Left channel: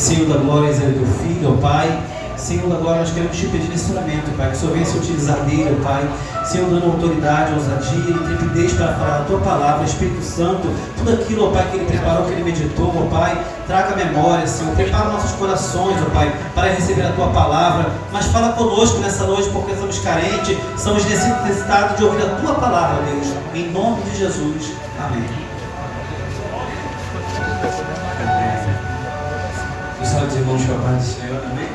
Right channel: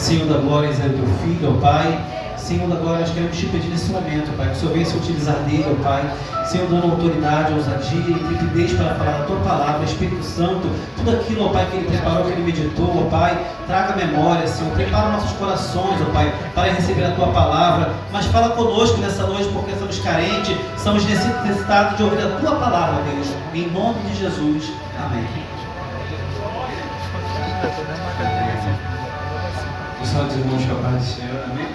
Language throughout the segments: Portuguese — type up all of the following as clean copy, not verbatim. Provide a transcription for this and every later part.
Senhor da glória, é do teu filho, ó Pai. Senhor da glória, nós queremos te pedir nesse momento, Pai, que o Senhor venha se utilizar dele, ó Pai. Senhor, dando autoridade, ousadia, intrepidez para falar a tua palavra, Espírito Santo, tudo aquilo, ó Pai, que ele preparou, que ele meditou, ó Pai, traga memória, Senhor, prepara nossos corações, ó Pai, para receber a tua palavra, mas fala conosco nessa noite, porque somos carentes, somos necessitados de ouvir a tua palavra, Deus, em nome de Jesus, amém. Pessoal dos irmãos que é a paz do Senhor, amém?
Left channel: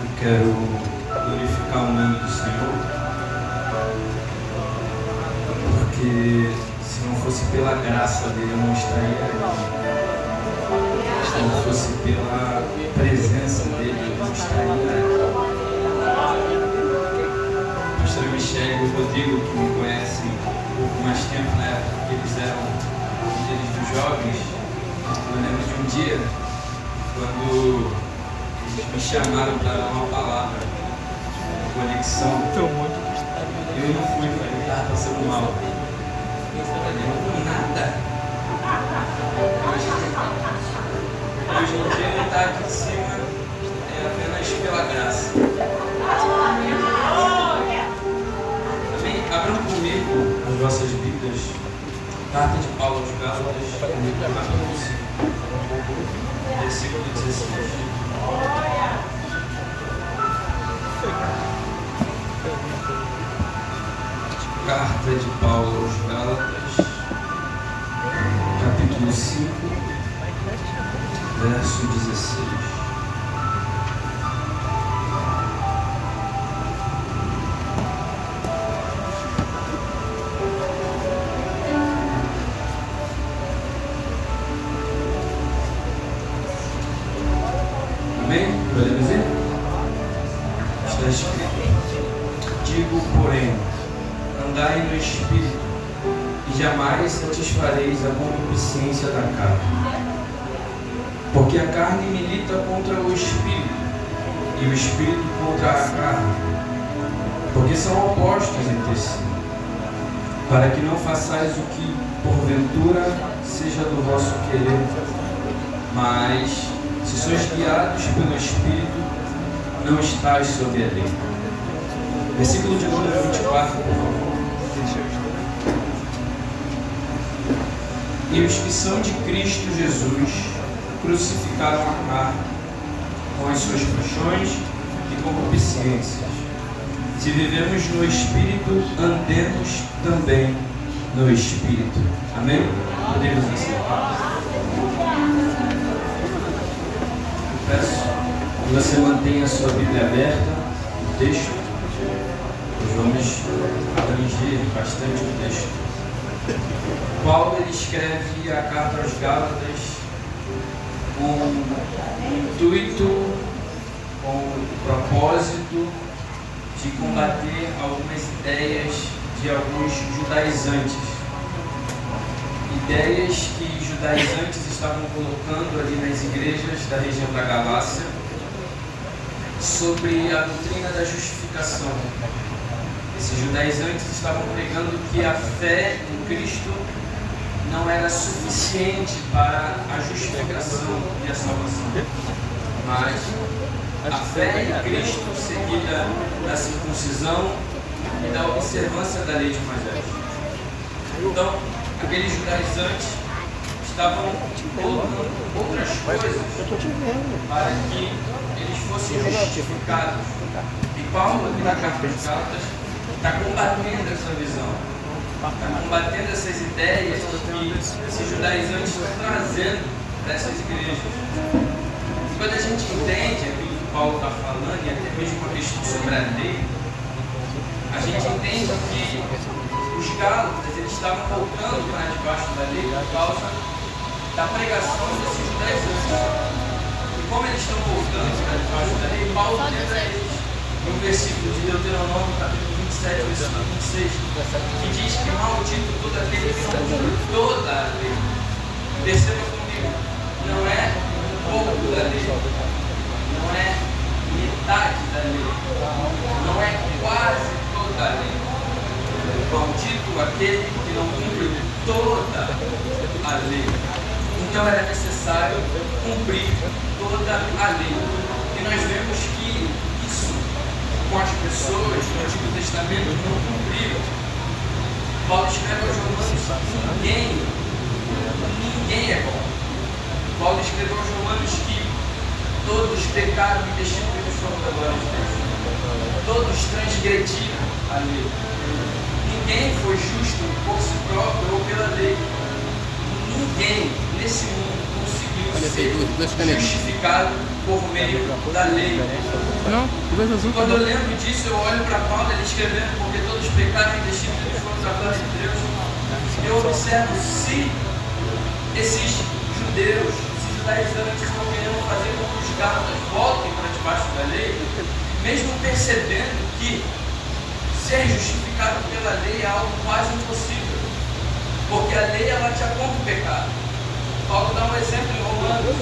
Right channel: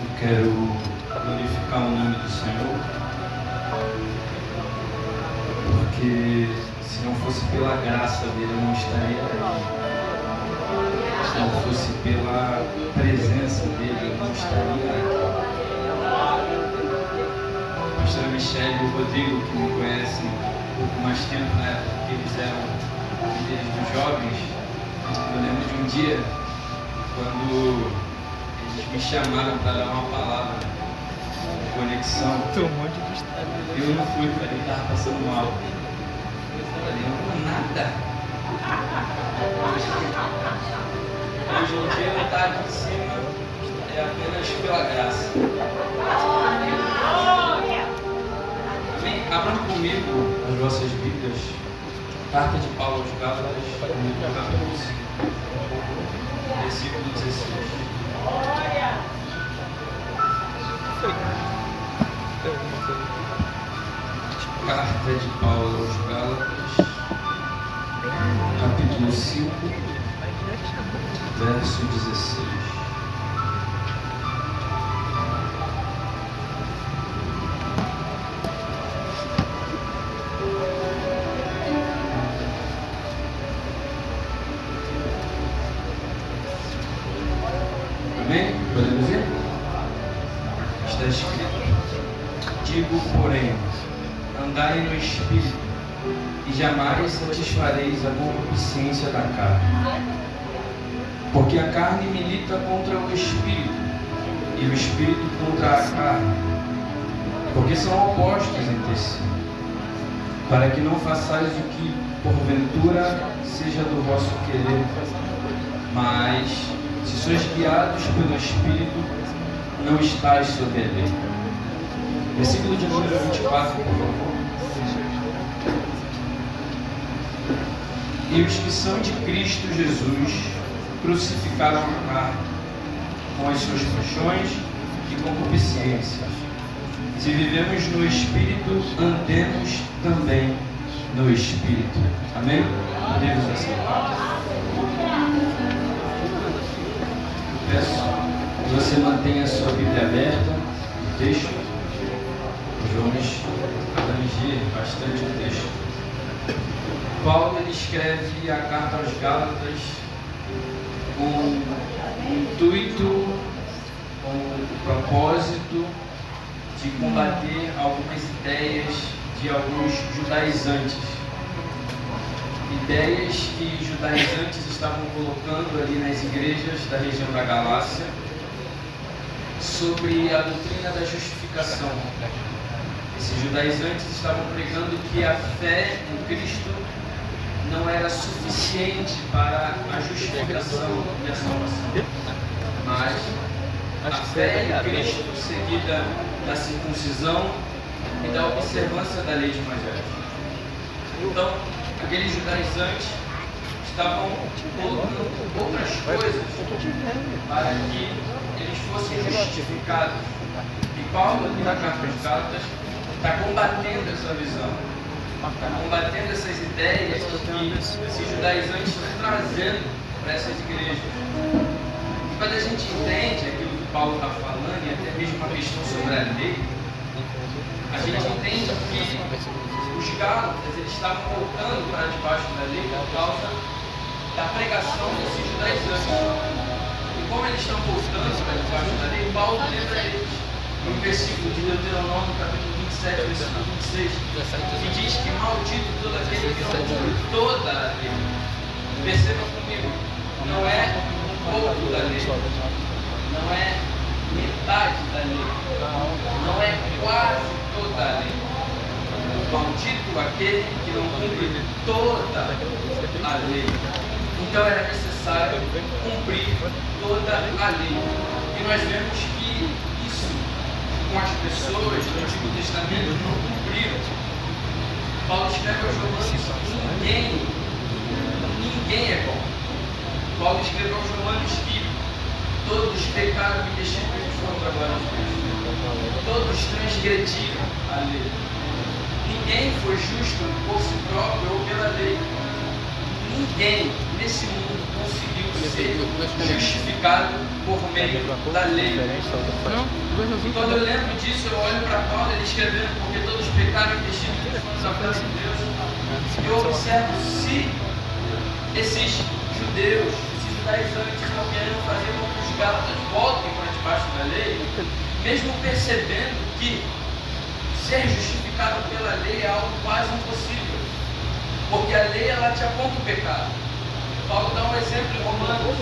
Eu quero glorificar o nome do Senhor, porque se não fosse pela graça dele eu não estaria aí. Se não fosse pela presença dele eu não estaria aí. A pastora Michele e o Rodrigo, que me conhecem um pouco mais tempo, na época que eles eram líderes dos jovens, eu lembro de um dia quando eles me chamaram para dar uma palavra de conexão. Eu não fui, falei, estava passando mal. Eu falei, não, nada. Hoje em dia não está aqui em cima, é apenas pela graça. Amém? Abram comigo as vossas Bíblias, carta de Paulo aos Gálatas, capítulo 5. Versículo 16. Carta de Paulo aos Gálatas, capítulo 5, verso 16. Amém? Podemos ir? Está escrito: digo, porém, andai no Espírito, e jamais satisfareis a concupiscência da carne. Porque a carne milita contra o Espírito, e o Espírito contra a carne, porque são opostos entre si, para que não façais o que porventura seja do vosso querer, mas se sois guiados pelo Espírito, não estáis sob a lei. Versículo de número 24, por favor. E os que são de Cristo Jesus crucificaram a carne com as suas paixões e concupiscências. Se vivemos no Espírito, andemos também no Espírito. Amém? Podemos aceitar. Peço que você mantenha a sua Bíblia aberta no texto. Nós vamos abranger bastante o texto. Paulo ele escreve a carta aos Gálatas com o intuito, com o propósito de combater algumas ideias de alguns judaizantes. Ideias que judaizantes estavam colocando ali nas igrejas da região da Galácia sobre a doutrina da justificação. Esses judaizantes estavam pregando que a fé em Cristo não era suficiente para a justificação e a salvação, mas a fé em Cristo seguida da circuncisão e da observância da lei de Moisés. Então, aqueles judaizantes estavam colocando outras coisas para que eles fossem justificados. E Paulo, aqui na carta aos Gálatas, está combatendo essa visão, está combatendo essas ideias que esses judaizantes estão trazendo para essas igrejas. E quando a gente entende aquilo que Paulo está falando, e até mesmo uma questão sobre a lei, a gente entende que os Gálatas eles estavam voltando para debaixo da lei por causa da pregação desses judaizantes. E como eles estão voltando para debaixo da lei, Paulo lembra eles um versículo de Deuteronômio, capítulo 27, versículo 26, que diz que maldito toda lei que não cumpre toda a lei. Perceba comigo, não é um pouco da lei, não é metade da lei, não é quase toda a lei. Maldito aquele que não cumpre toda a lei. Então era necessário cumprir a lei. E nós vemos que isso, com as pessoas do Antigo Testamento, não cumpriram. Paulo escreve aos Romanos: ninguém é bom. Paulo escreveu aos Romanos que todos pecaram e destituídos foram da glória de Deus. Todos transgrediram a lei. Ninguém foi justo por si próprio ou pela lei. Ninguém nesse mundo conseguiu ser justificado por meio da lei. Quando eu lembro disso, eu olho para Paulo, ele escrevendo: porque todos pecaram e destituídos foram da glória de Deus. Eu observo se esses judeus, esses judaizantes não querendo fazer com que os gálatas voltem para debaixo da lei, mesmo percebendo que ser justificado pela lei é algo quase impossível, porque a lei ela te aponta o pecado. Paulo dá um exemplo em Romanos:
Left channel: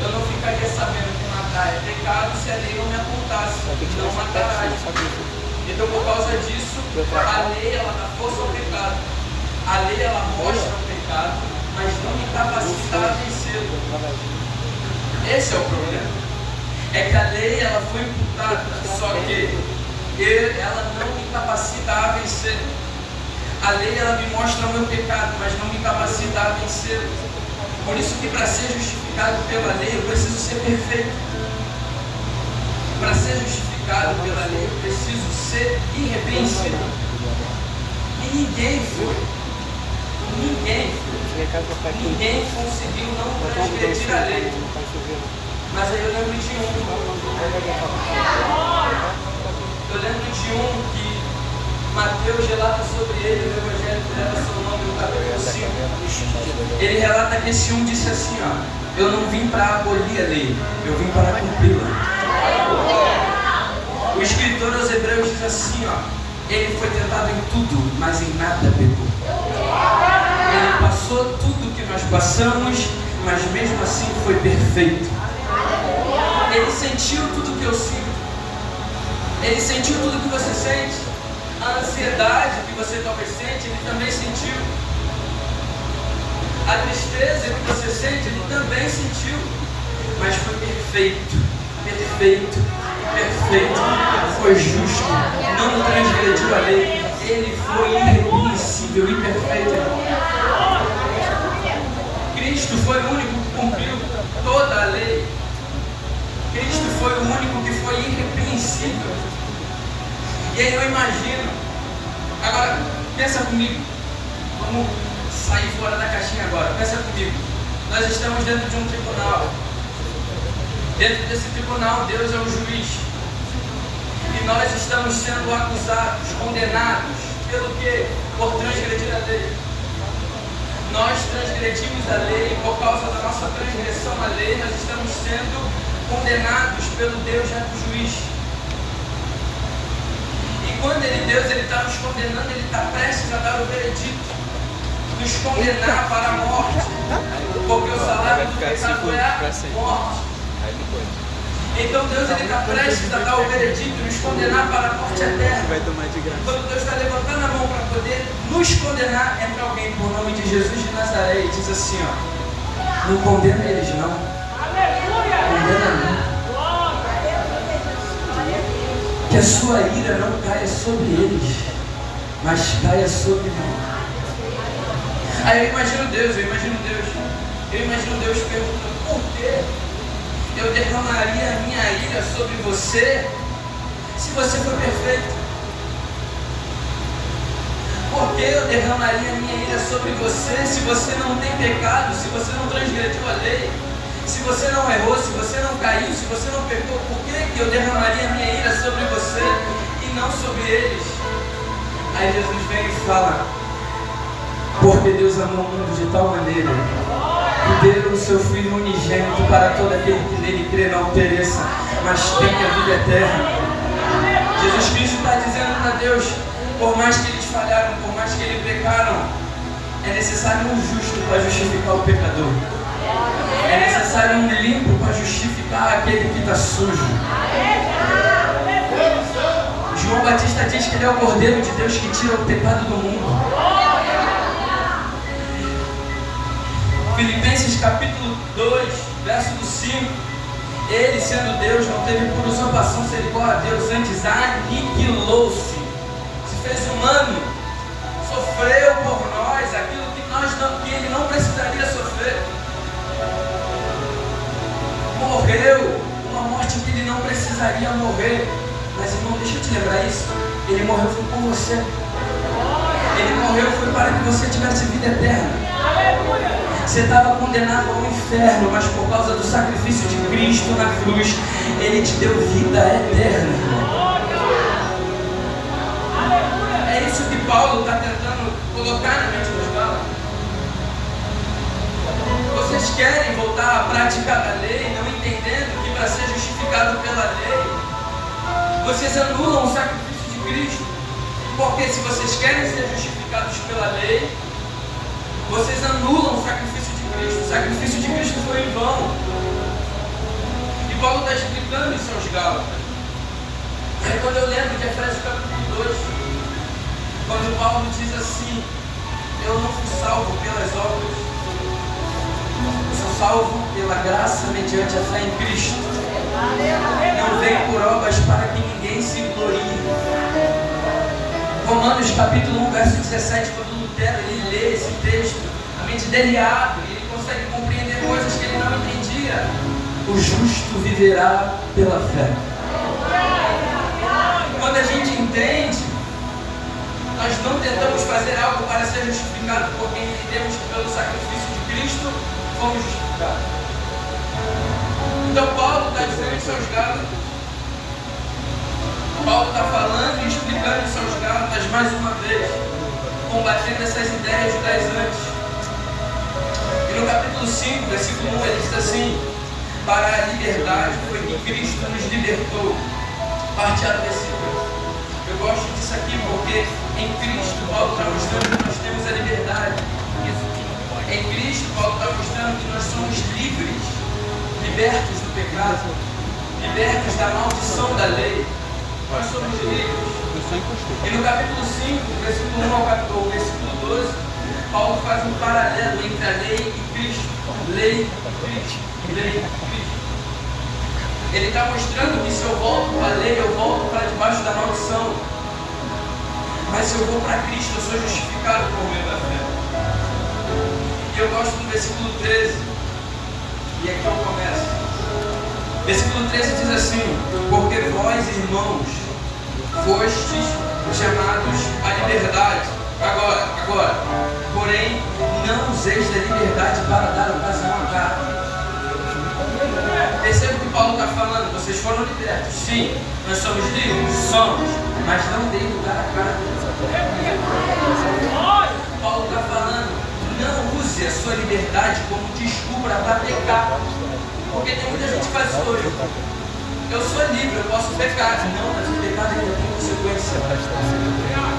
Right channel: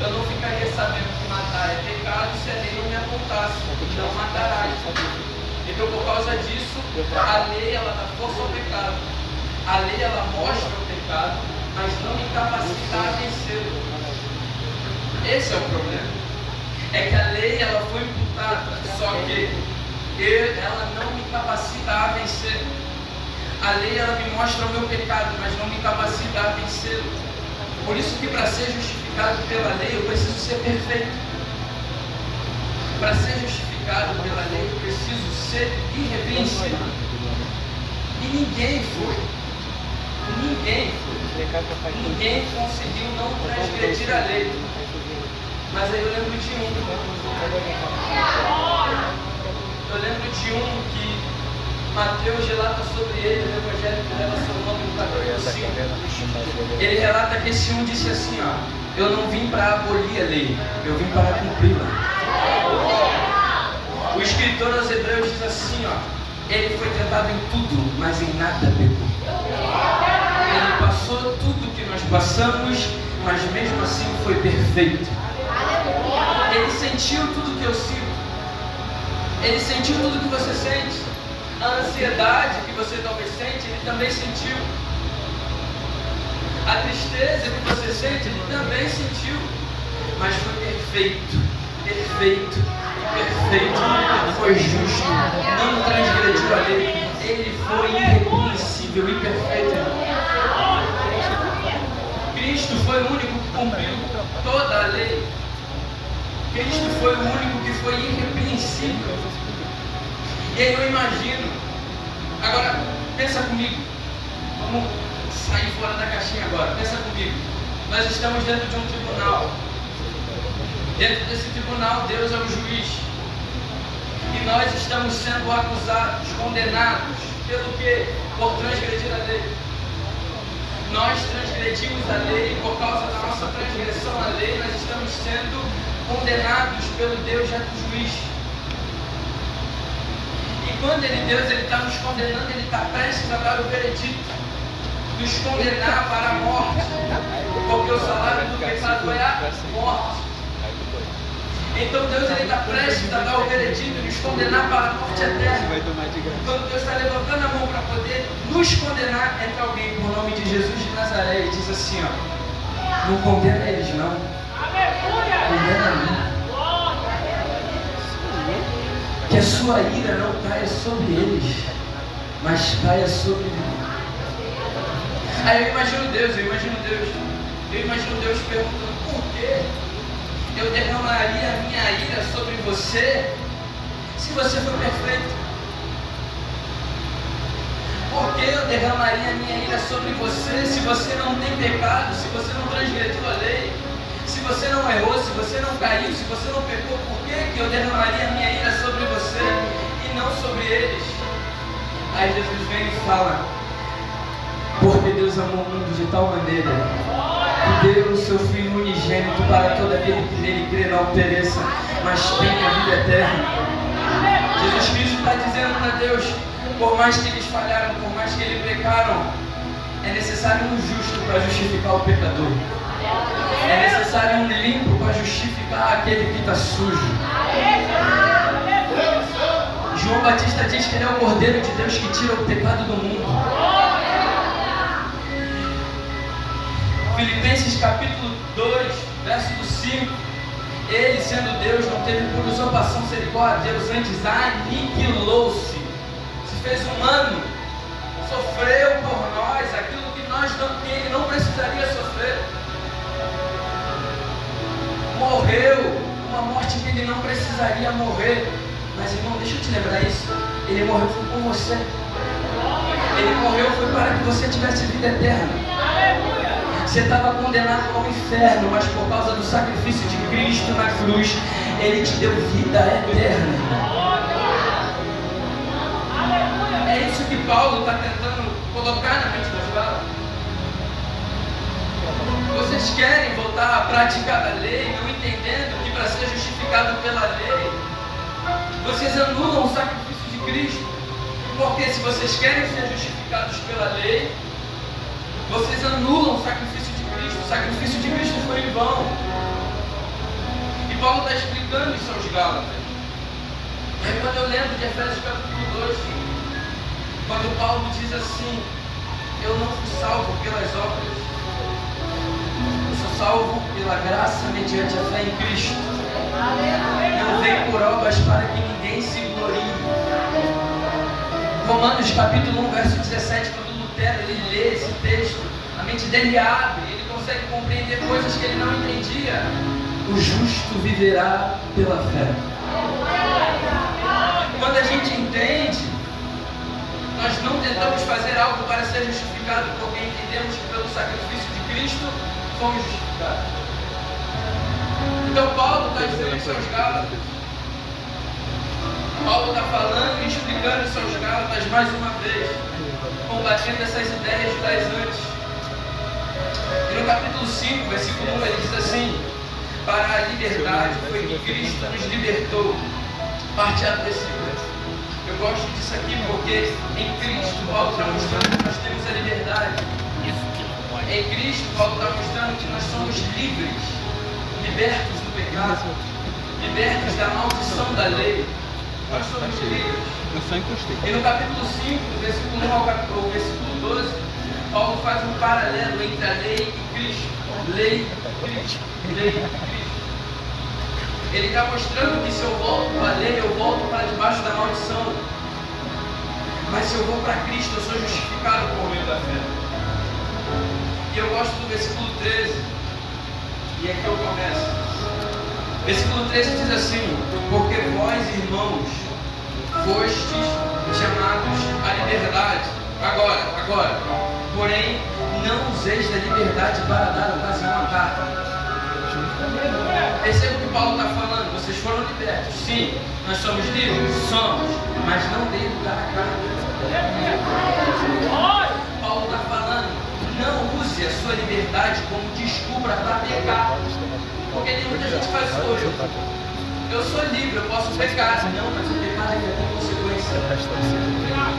eu não ficaria sabendo que matar é pecado se a lei não me apontasse, não matarás. Então, por causa disso, a lei ela dá força ao pecado, a lei ela mostra o pecado, mas não me capacita a vencê-lo. Esse é o problema. É que a lei ela foi imputada, só que ela não me capacita a vencer. A lei ela me mostra o meu pecado, mas não me capacita a vencê-lo. Por isso que para ser justificado pela lei eu preciso ser perfeito. Para ser justificado pela lei eu preciso ser irrepreensível. E ninguém foi. Ninguém conseguiu não transgredir a lei. Mas aí eu lembro de um. Que Mateus relata sobre ele, no Evangelho dela, seu nome no capítulo 5. Ele relata que esse um disse assim: ó, eu não vim para abolir a lei, eu vim para cumpri-la. O escritor aos Hebreus diz assim: ó, ele foi tentado em tudo, mas em nada pecou. Ele passou tudo que nós passamos, mas mesmo assim foi perfeito. Ele sentiu tudo que eu sinto. Ele sentiu tudo que você sente. A ansiedade que você talvez sente, ele também sentiu. A tristeza que você sente, ele também sentiu. Mas foi perfeito. Foi justo. Não transgrediu a lei. Ele foi irrepreensível e perfeito. Cristo foi o único que cumpriu toda a lei. Cristo foi o único que foi irrepreensível. E aí eu imagino. Agora, pensa comigo. Vamos sair fora da caixinha agora. Pensa comigo. Nós estamos dentro de um tribunal. Dentro desse tribunal, Deus é o juiz. E nós estamos sendo acusados, condenados. Pelo quê? Por transgredir a lei. Nós transgredimos a lei, e por causa da nossa transgressão à lei, nós estamos sendo condenados pelo Deus reto juiz. E quando Deus está nos condenando, Ele está prestes a dar o veredito, nos condenar para a morte, porque o salário do pecado é a morte. Então Deus está prestes a dar o veredito e nos condenar para a morte eterna. Quando Deus está levantando a mão para poder nos condenar, entra alguém por nome de Jesus de Nazaré e diz assim: ó, não condena eles não. Condena não. Que a sua ira não caia sobre eles, mas caia sobre mim. Aí eu imagino Deus perguntando: por quê? Eu derramaria a minha ira sobre você se você for perfeito? Por que eu derramaria a minha ira sobre você se você não tem pecado, se você não transgrediu a lei, se você não errou, se você não caiu, se você não pecou? Por que eu derramaria a minha ira sobre você e não sobre eles? Aí Jesus vem e fala: porque Deus amou o mundo de tal maneira que deu o seu Filho unigênito para todo aquele que nele crê não pereça, mas tenha a vida eterna. Jesus Cristo está dizendo para Deus: por mais que eles falharam, por mais que eles pecaram, é necessário um justo para justificar o pecador. É necessário um limpo para justificar aquele que está sujo. João Batista diz que ele é o Cordeiro de Deus que tira o pecado do mundo. Filipenses capítulo 2, verso 5, Ele, sendo Deus, não teve por usurpação ser igual a Deus, antes aniquilou-se, se fez humano, sofreu por nós aquilo que ele não precisaria sofrer, morreu uma morte que ele não precisaria morrer. Mas, irmão, deixa eu te lembrar isso, ele morreu foi por você, ele morreu foi para que você tivesse vida eterna. Você estava condenado ao inferno, mas por causa do sacrifício de Cristo na cruz, Ele te deu vida eterna. É isso que Paulo está tentando colocar na mente dos Gálatas. Vocês querem voltar à prática da lei, não entendendo que para ser justificado pela lei, vocês anulam o sacrifício de Cristo. Porque se vocês querem ser justificados pela lei, vocês anulam o sacrifício de Cristo. O sacrifício de Cristo foi em vão. E Paulo está explicando isso aos Gálatas. Aí quando eu lembro de Efésios capítulo 2, quando Paulo diz assim: eu não fui salvo pelas obras, eu sou salvo pela graça mediante a fé em Cristo. Não veio por obras para que ninguém se glorie. Romanos capítulo 1, verso 17, quando Lutero ele lê esse texto, a mente dele abre, ele consegue compreender coisas que ele não entendia. O justo viverá pela fé. Quando a gente entende, nós não tentamos fazer algo para ser justificado, porque entendemos que pelo sacrifício de Cristo fomos justificados. Então Paulo está dizendo aos seus Gálatas, Paulo está falando e explicando aos seus Gálatas mais uma vez, combatendo essas ideias judaizantes. E no capítulo 5, versículo 1, ele diz assim: para a liberdade foi que Cristo nos libertou. Parte A do versículo. Eu gosto disso aqui porque em Cristo Paulo está mostrando que nós temos a liberdade. Em Cristo Paulo está mostrando que nós somos livres, libertos do pecado, libertos da maldição da lei. Nós somos livres. E no capítulo 5, versículo 1 ao versículo 12, Paulo faz um paralelo entre a lei e Cristo. Lei, Cristo, lei, Cristo. Ele está mostrando que se eu volto para a lei, eu volto para debaixo da maldição. Mas se eu vou para Cristo, eu sou justificado por meio da fé. E eu gosto do versículo 13. E aqui eu começo. Versículo 13 diz assim: porque vós, irmãos, fostes chamados à liberdade. Agora, porém, não useis da liberdade para dar ocasião à carne. Perceba o que Paulo está falando. Vocês foram libertos. Sim, nós somos livres? Somos. Mas não dê lugar à carne. Paulo está falando: não use a sua liberdade como desculpa para pecar. Porque tem muita gente que faz isso hoje. Eu sou livre, eu posso pecar. Não, mas o pecado ainda tem consequência.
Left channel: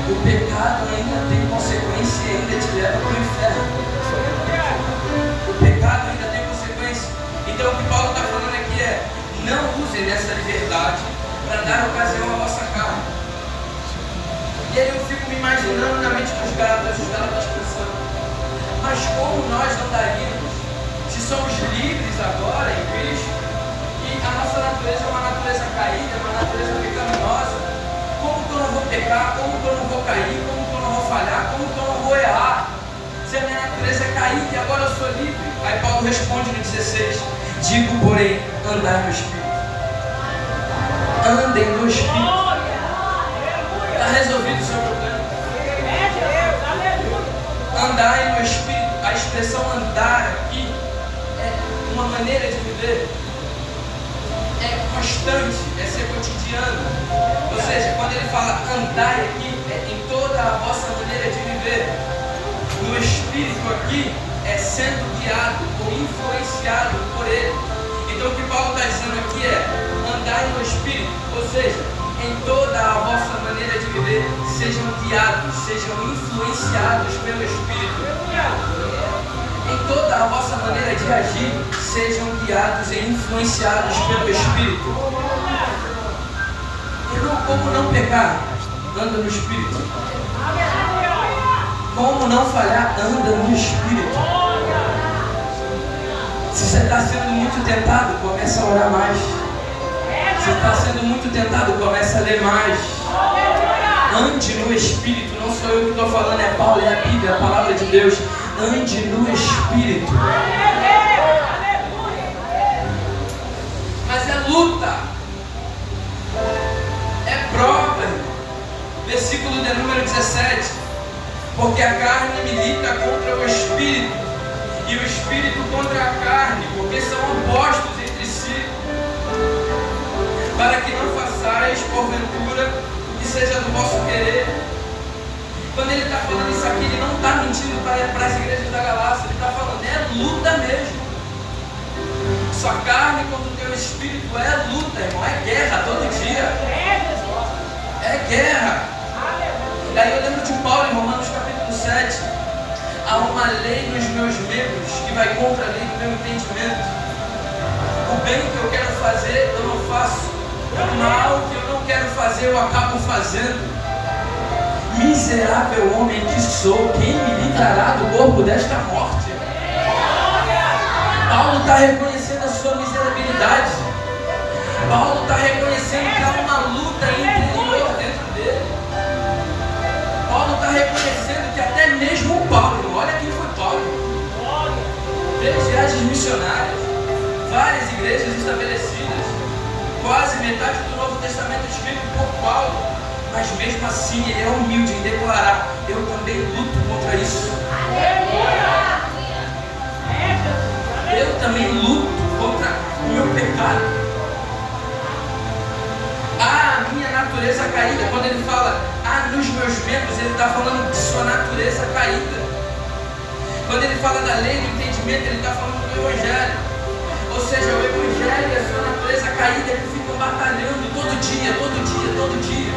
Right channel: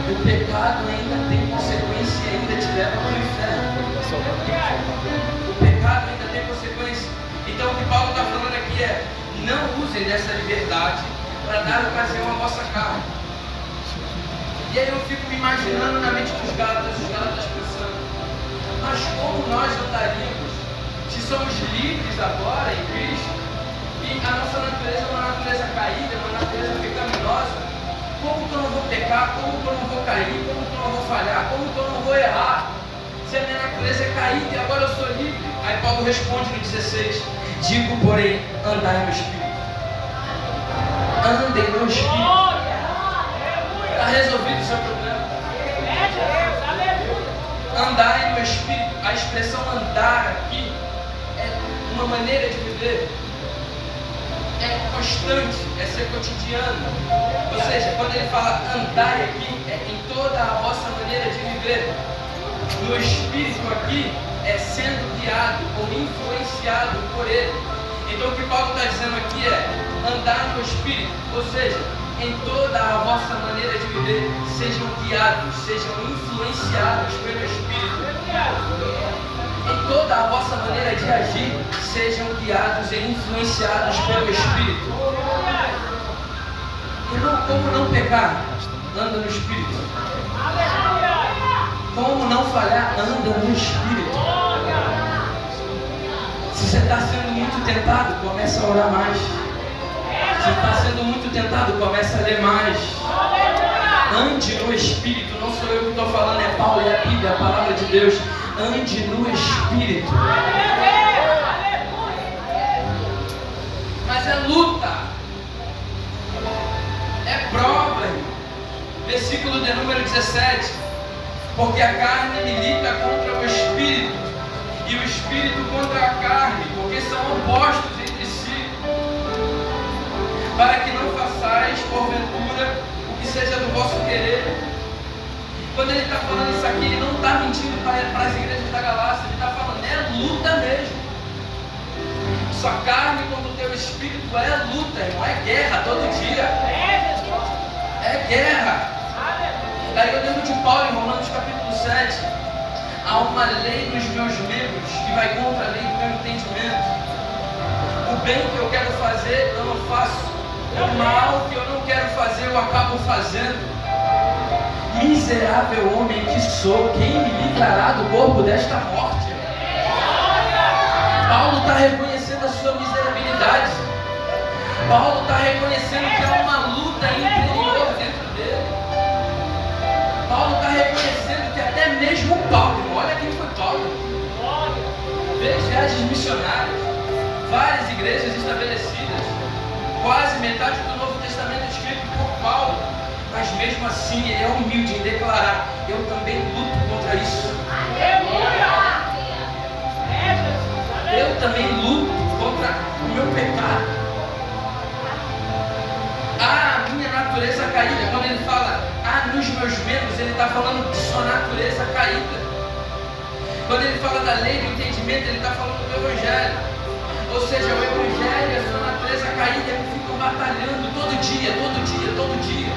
O pecado ainda tem consequência e ainda te leva para o inferno. O pecado ainda tem consequência. Então o que Paulo está falando aqui é: não use dessa liberdade para dar ocasião à vossa carne. E aí eu fico me imaginando na mente dos Gálatas pensando: mas como nós não daríamos, se somos livres agora em Cristo, e a nossa natureza é uma natureza caída, é uma natureza pecaminosa, como que eu não vou pecar, como que eu não vou cair, como que eu não vou falhar, como que eu não vou errar, se a minha natureza é caída e agora eu sou livre? Aí Paulo responde no 16: digo, porém, andai no Espírito. Andem no Espírito. Está resolvido o seu problema. Andai no Espírito. A expressão andar aqui é uma maneira de viver. É constante, é ser cotidiano. Ou seja, quando ele fala andai aqui, é em toda a vossa maneira de viver. No Espírito aqui é sendo guiado ou influenciado por ele. Então o que Paulo está dizendo aqui é: andai no Espírito. Ou seja, em toda a vossa maneira de viver, sejam guiados, sejam influenciados pelo Espírito. Em toda a vossa maneira de agir, sejam guiados e influenciados pelo Espírito. Irmão, como não pecar? Anda no Espírito. Como não falhar? Anda no Espírito. Se você está sendo muito tentado, começa a orar mais. Se você está sendo muito tentado, começa a ler mais. Ande no Espírito. Não sou eu que estou falando, é Paulo, é a Bíblia, a palavra de Deus. Ande no Espírito. Mas é luta. É prova, irmão. Versículo de número 17. Porque a carne milita contra o Espírito, e o Espírito contra a carne, porque são opostos entre si, para que não façais, porventura, o que seja do vosso querer. Quando ele está falando isso aqui, ele não está mentindo para as igrejas da Galácia, ele está falando, é luta mesmo. Sua carne contra o teu Espírito é luta, irmão, é guerra todo dia. É guerra. Aí eu lembro de Paulo em Romanos capítulo 7. Há uma lei nos meus membros que vai contra a lei do meu entendimento. O bem que eu quero fazer, eu não faço. O mal que eu não quero fazer, eu acabo fazendo. Miserável homem que sou, quem me livrará do corpo desta morte? Paulo está reconhecendo a sua miserabilidade. Paulo está reconhecendo que há uma luta interior dentro dele. Paulo está reconhecendo que até mesmo Paulo, olha quem foi Paulo, 3 viagens missionárias, várias igrejas estabelecidas, quase metade do Novo Testamento escrito por Paulo, mas mesmo assim ele é humilde em declarar, eu também luto contra isso. Eu também luto contra o meu pecado. A minha natureza caída, quando ele fala nos meus membros, ele está falando de sua natureza caída. Quando ele fala da lei do entendimento, ele está falando do Evangelho. Ou seja, o Evangelho e a sua natureza caída, eles ficam batalhando todo dia, todo dia, todo dia.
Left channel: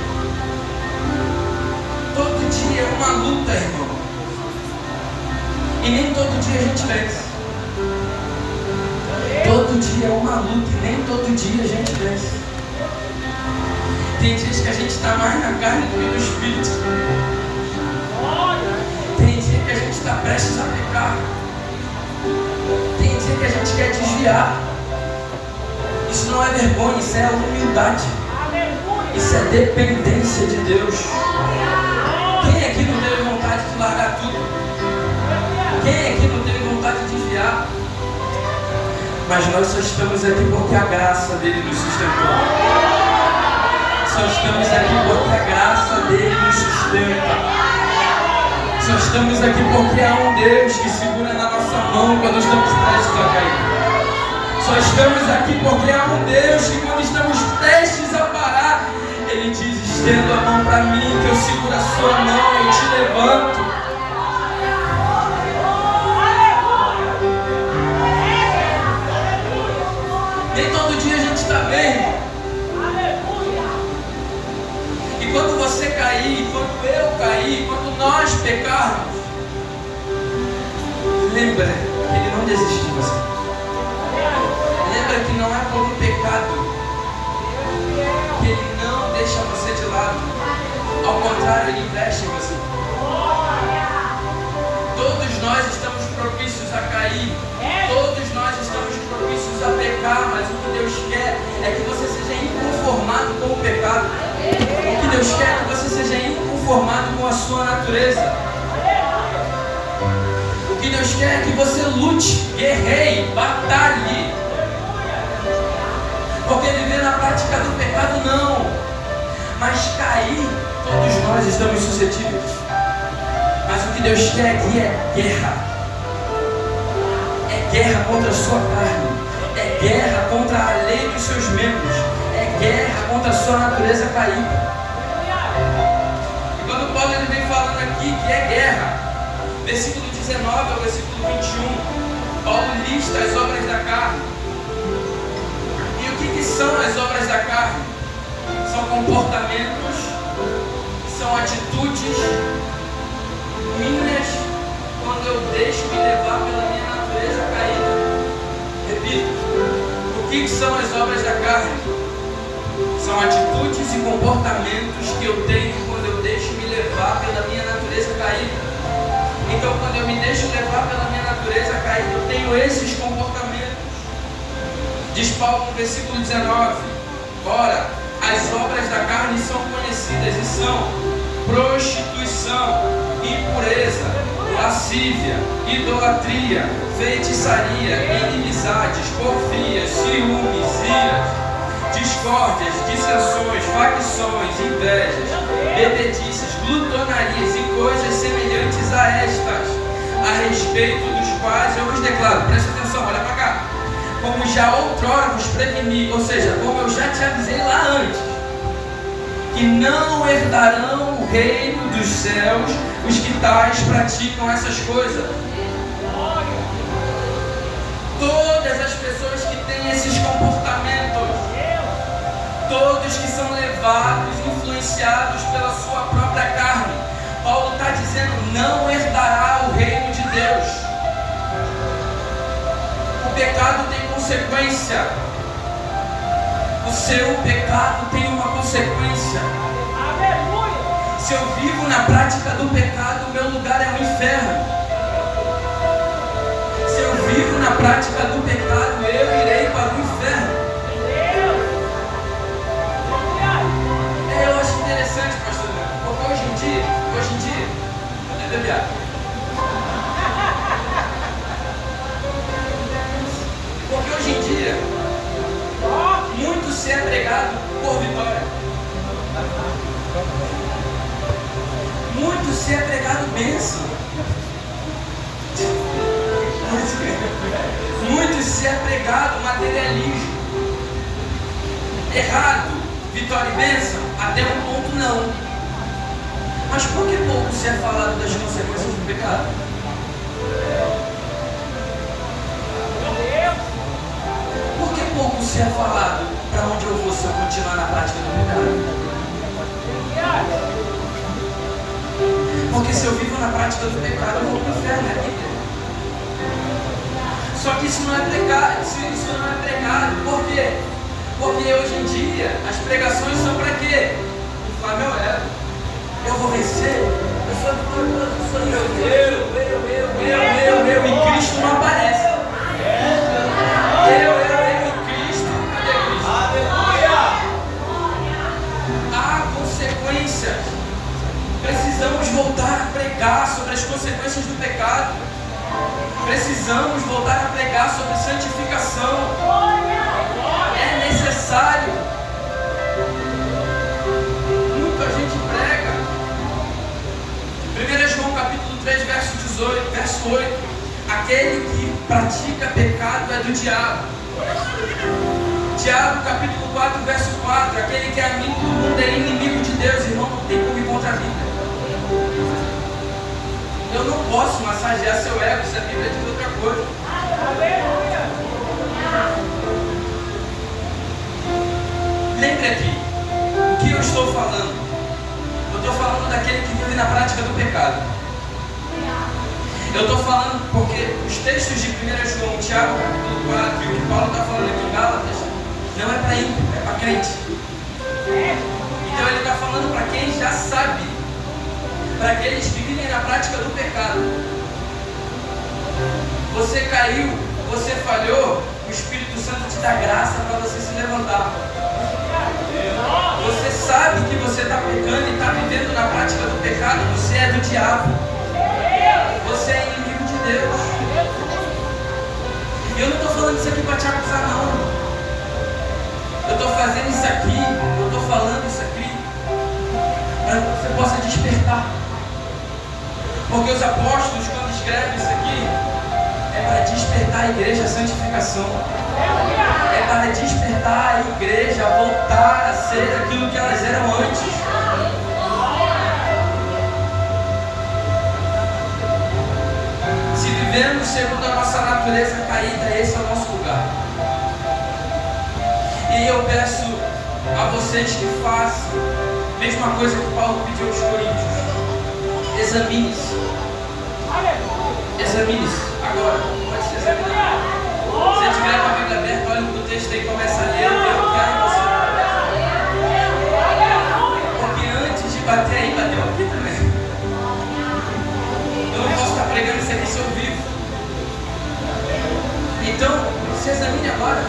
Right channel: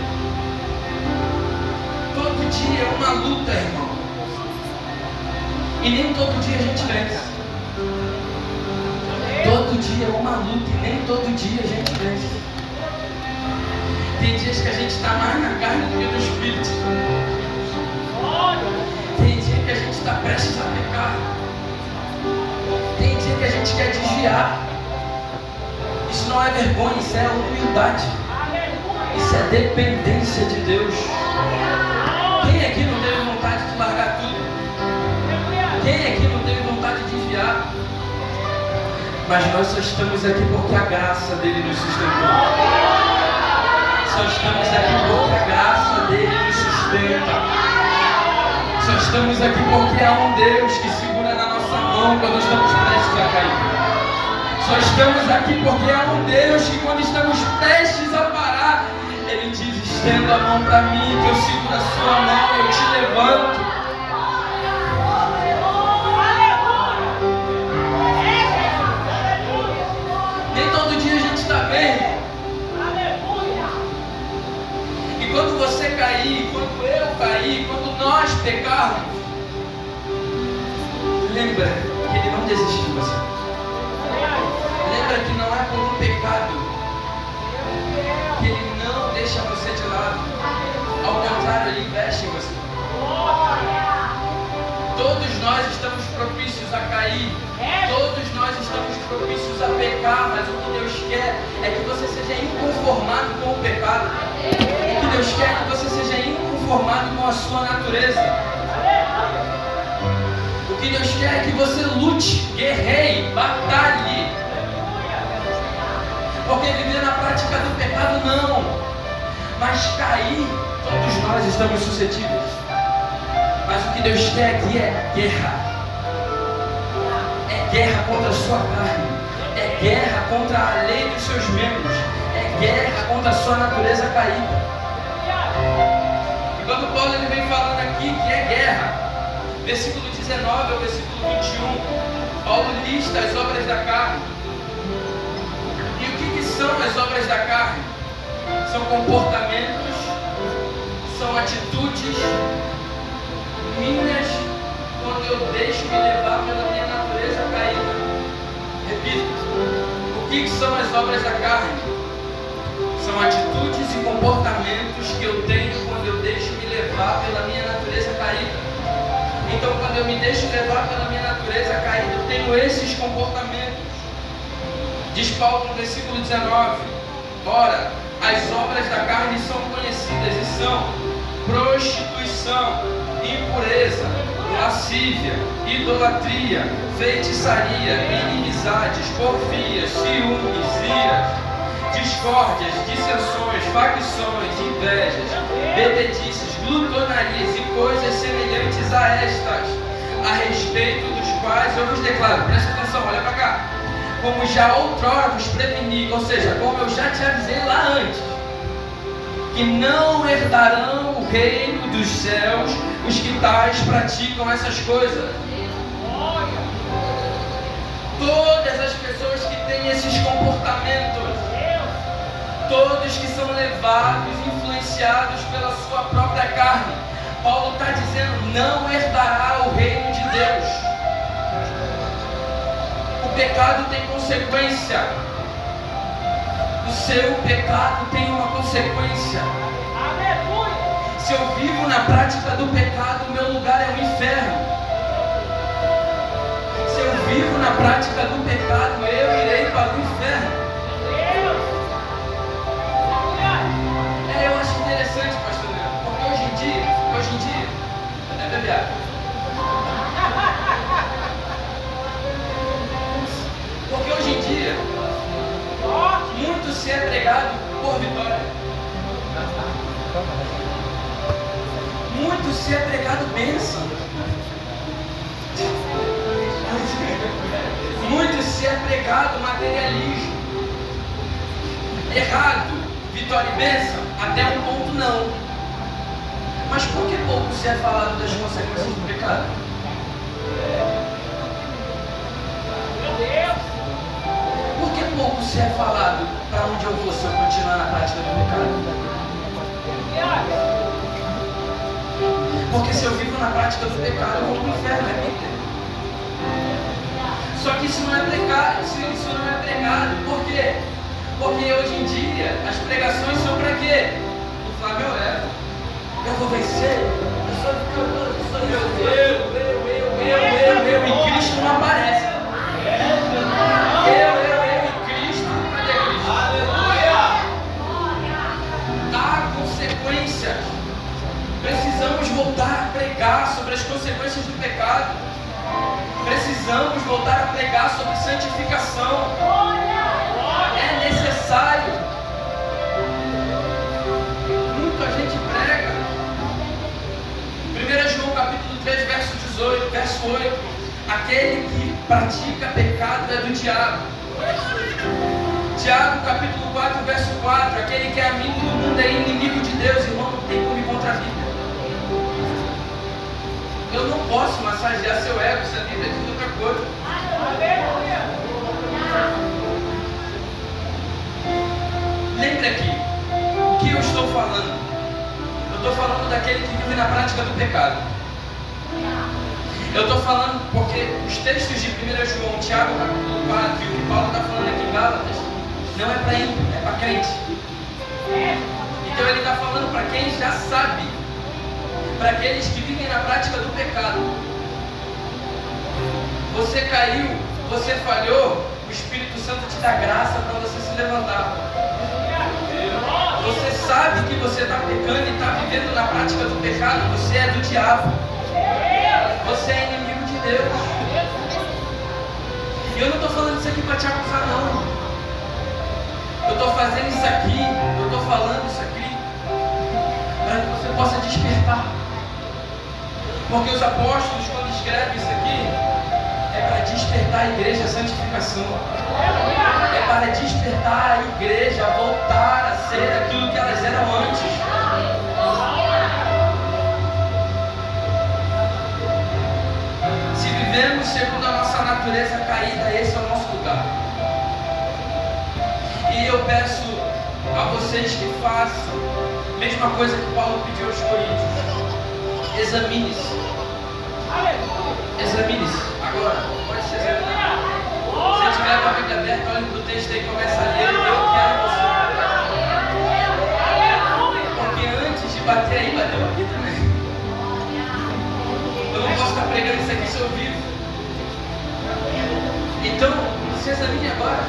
Todo dia é uma luta, irmão. E nem todo dia a gente vence. Todo dia é uma luta e nem todo dia a gente vence. Tem dias que a gente está mais na carne do que no Espírito. Tem dia que a gente está prestes a pecar. Tem dia que a gente quer desviar. Isso não é vergonha, isso é humildade. Isso é dependência de Deus. Quem aqui não teve vontade de largar tudo? Quem aqui não teve vontade de desviar? Mas nós só estamos aqui porque a graça dele nos sustentou. Só estamos aqui porque a graça dele nos sustenta. Só estamos aqui porque há um Deus que segura na nossa mão quando estamos prestes a cair. Só estamos aqui porque há um Deus que quando estamos prestes a parar, Ele diz, estenda a mão para mim, que eu seguro a sua mão, eu te levanto. Nem todo dia a gente está bem. Quando você cair, quando eu cair, quando nós pecarmos, lembra que Ele não desiste de você. Lembra que não é por um pecado que Ele não deixa você de lado. Ao contrário, Ele investe em você. Todos nós estamos propícios a cair. Todos nós estamos propícios a pecar. Mas o que Deus quer é que você seja inconformado com o pecado. O que Deus quer é que você seja inconformado com a sua natureza. O que Deus quer é que você lute, guerreie, batalhe. Porque viver na prática do pecado não. Mas cair, todos nós estamos suscetíveis. Mas o que Deus quer aqui é guerra. É guerra contra a sua carne. É guerra contra a lei dos seus membros. É guerra contra a sua natureza caída. E quando Paulo ele vem falando aqui que é guerra, versículo 19 ao versículo 21, Paulo lista as obras da carne. E o que são as obras da carne? São comportamentos, são atitudes minhas quando eu deixo me levar pela minha natureza caída. Repito, o que são as obras da carne? São atitudes e comportamentos que eu tenho quando eu deixo me levar pela minha natureza caída. Então, quando eu me deixo levar pela minha natureza caída, eu tenho esses comportamentos. Diz Paulo no versículo 19: ora, as obras da carne são conhecidas e são prostituição, impureza, lascívia, idolatria, feitiçaria, inimizades, porfias, ciúmes, iras, discórdias, dissensões, facções, invejas, bebedices, glutonarias e coisas semelhantes a estas, a respeito dos quais eu vos declaro, presta atenção, olha para cá, como já outrora vos preveni, ou seja, como eu já te avisei lá antes, que não herdarão o reino dos céus os que tais praticam essas coisas. Todas as pessoas que têm esses comportamentos, todos que são levados, influenciados pela sua própria carne, Paulo está dizendo, não herdará o reino de Deus. O pecado tem consequência. O seu pecado tem uma consequência. Se eu vivo na prática do pecado, o meu lugar é o inferno. Se eu vivo na prática do pecado, eu irei para o inferno. Eu acho interessante, pastor, porque hoje em dia, é beber. Porque hoje em dia, muito se é pregado por vitória. Muito se é pregado bênção. Muito se é pregado materialismo. Errado, vitória e bênção, até um ponto não. Mas por que pouco se é falado das consequências do pecado? Por que pouco se é falado para onde eu vou se eu continuar na prática do pecado? Porque se eu vivo na prática do pecado, eu vou para o inferno, é Bíblia. Só que isso não é pregado, isso não é pregado. Por quê? Porque hoje em dia as pregações são para quê? Inflar meu ego. Eu vou vencer, eu sou vitorioso, eu sou eu, e Cristo não aparece. Eu, e Cristo, cadê Cristo? Aleluia! Há consequências. Precisamos voltar a pregar sobre as consequências do pecado. Precisamos voltar a pregar sobre santificação. É necessário. Muita gente prega. 1 João capítulo 3, verso 8. Aquele que pratica pecado é do diabo. Tiago capítulo 4, verso 4. Aquele que é amigo do mundo é inimigo de Deus. Irmão, não tem como ir contra a Bíblia. Eu não posso massagear seu ego se a Bíblia diz outra coisa. Lembre aqui, o que eu estou falando? Eu estou falando daquele que vive na prática do pecado. Eu estou falando porque os textos de 1 João, Tiago capítulo 4 e o que Paulo está falando aqui em Gálatas, não é para ímpio, é para crente. Então ele está falando para quem já sabe, para aqueles que vivem na prática do pecado. Você caiu, você falhou, o Espírito Santo te dá graça para você se levantar. Você sabe que você está pecando e está vivendo na prática do pecado, você é do diabo. Você é inimigo de Deus. E eu não estou falando isso aqui para te acusar, não. Eu estou fazendo isso aqui, eu estou falando isso aqui para que você possa despertar. Porque os apóstolos, quando escrevem isso aqui, é para despertar a igreja à santificação. É para despertar a igreja a voltar a ser aquilo que elas eram antes. Se vivemos segundo a nossa natureza caída, esse é o nosso lugar. E eu peço a vocês que façam a mesma coisa que Paulo pediu aos Coríntios. Examine-se. Examine-se. Agora, pode se examinar. Se tiver com a Bíblia aberta, olhe para o texto aí e começa a ler. Eu quero você. Porque antes de bater aí, bateu aqui também. Eu não posso estar pregando isso aqui se eu vivo. Então, se examine agora.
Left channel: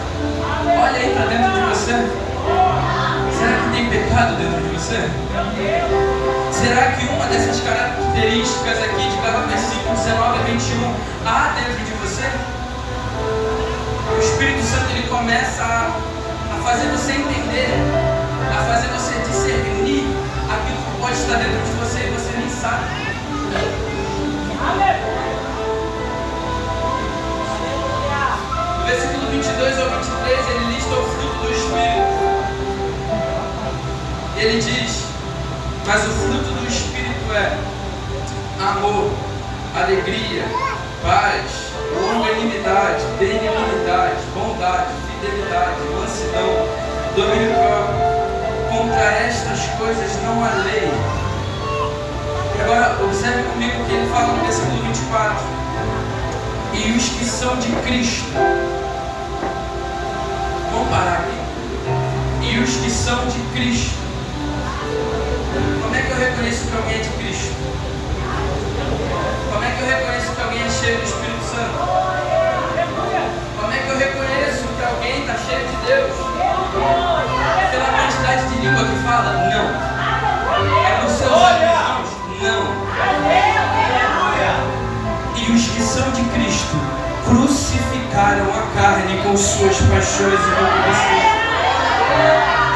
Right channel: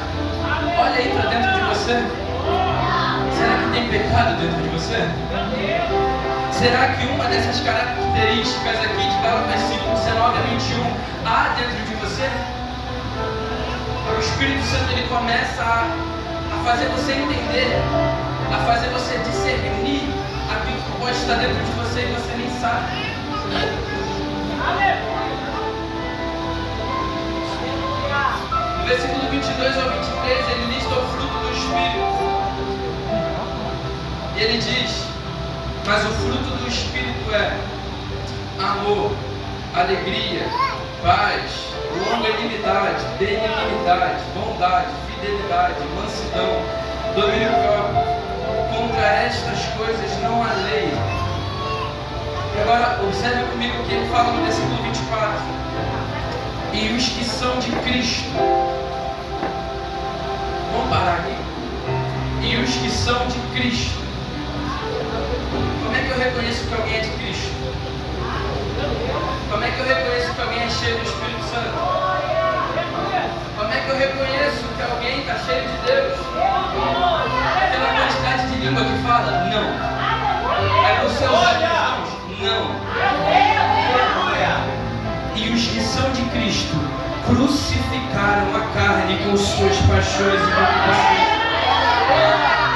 dessas características aqui de Gálatas 5, 19 a 21 há dentro de você? O Espírito Santo ele começa a fazer você entender, a fazer você discernir aquilo que pode estar dentro de você e você nem sabe. No versículo 22 ao 23 ele lista o fruto do Espírito. Ele diz: mas o fruto do Espírito é amor, alegria, paz, longanimidade, benignidade, bondade, fidelidade, mansidão, domínio próprio. Contra estas coisas não há lei. E agora observe comigo o que ele fala no versículo 24. E os que são de Cristo. Vamos parar aqui. E os que são de Cristo. Como é que eu reconheço que alguém é de Cristo? Como é que eu reconheço que alguém é cheio do Espírito Santo? Como é que eu reconheço que alguém está cheio de Deus? Pela quantidade de língua que fala? Não. É por seus olhos? Não. E os que são de Cristo crucificaram a carne com suas paixões e concupiscências.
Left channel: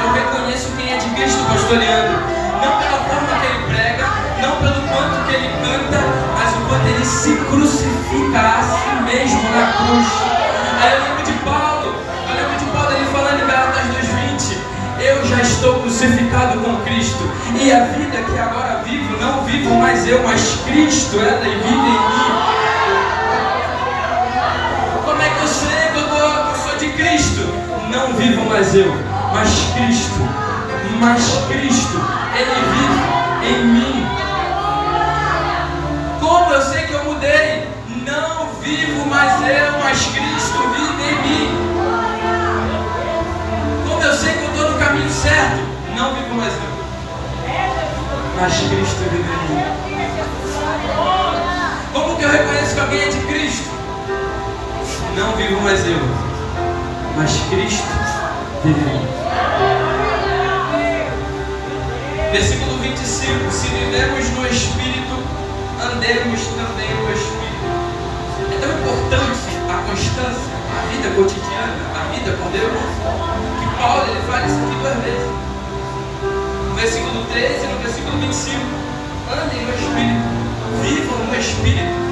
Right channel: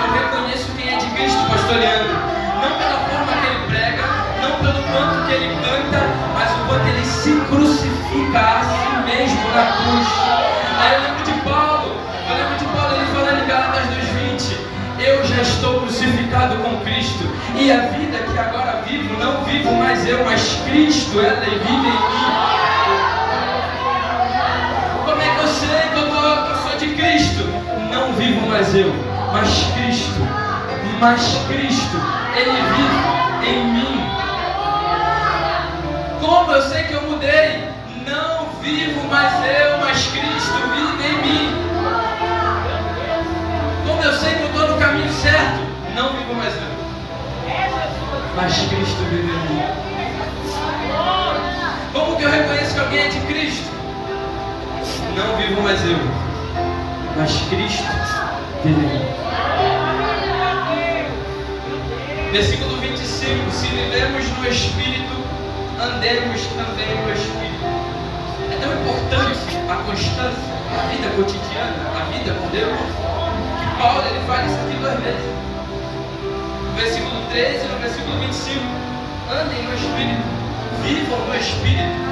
Eu reconheço quem é de Cristo, pastor Leandro. Não pela forma que ele prega, não pelo quanto que ele canta, mas o quanto ele se crucifica a si mesmo na cruz. Aí eu lembro de Paulo ele falando em Gálatas 2:20: eu já estou crucificado com Cristo, e a vida que agora vivo, não vivo mais eu, mas Cristo, ela vive em mim. Como é que eu sei que eu sou de Cristo? Não vivo mais eu, mas Cristo, Ele vive em mim. Como eu sei que eu mudei? Não vivo mais eu, mas Cristo vive em mim. Como eu sei que eu estou no caminho certo? Não vivo mais eu, mas Cristo vive em mim. Como que eu reconheço que alguém é de Cristo? Não vivo mais eu, mas Cristo vive em mim. Versículo 25: se vivemos no Espírito, andemos também no Espírito. É tão importante a constância, a vida cotidiana, a vida com Deus, que Paulo ele fala isso aqui 2 vezes. No versículo 13 e no versículo 25: andem no Espírito, vivam no Espírito.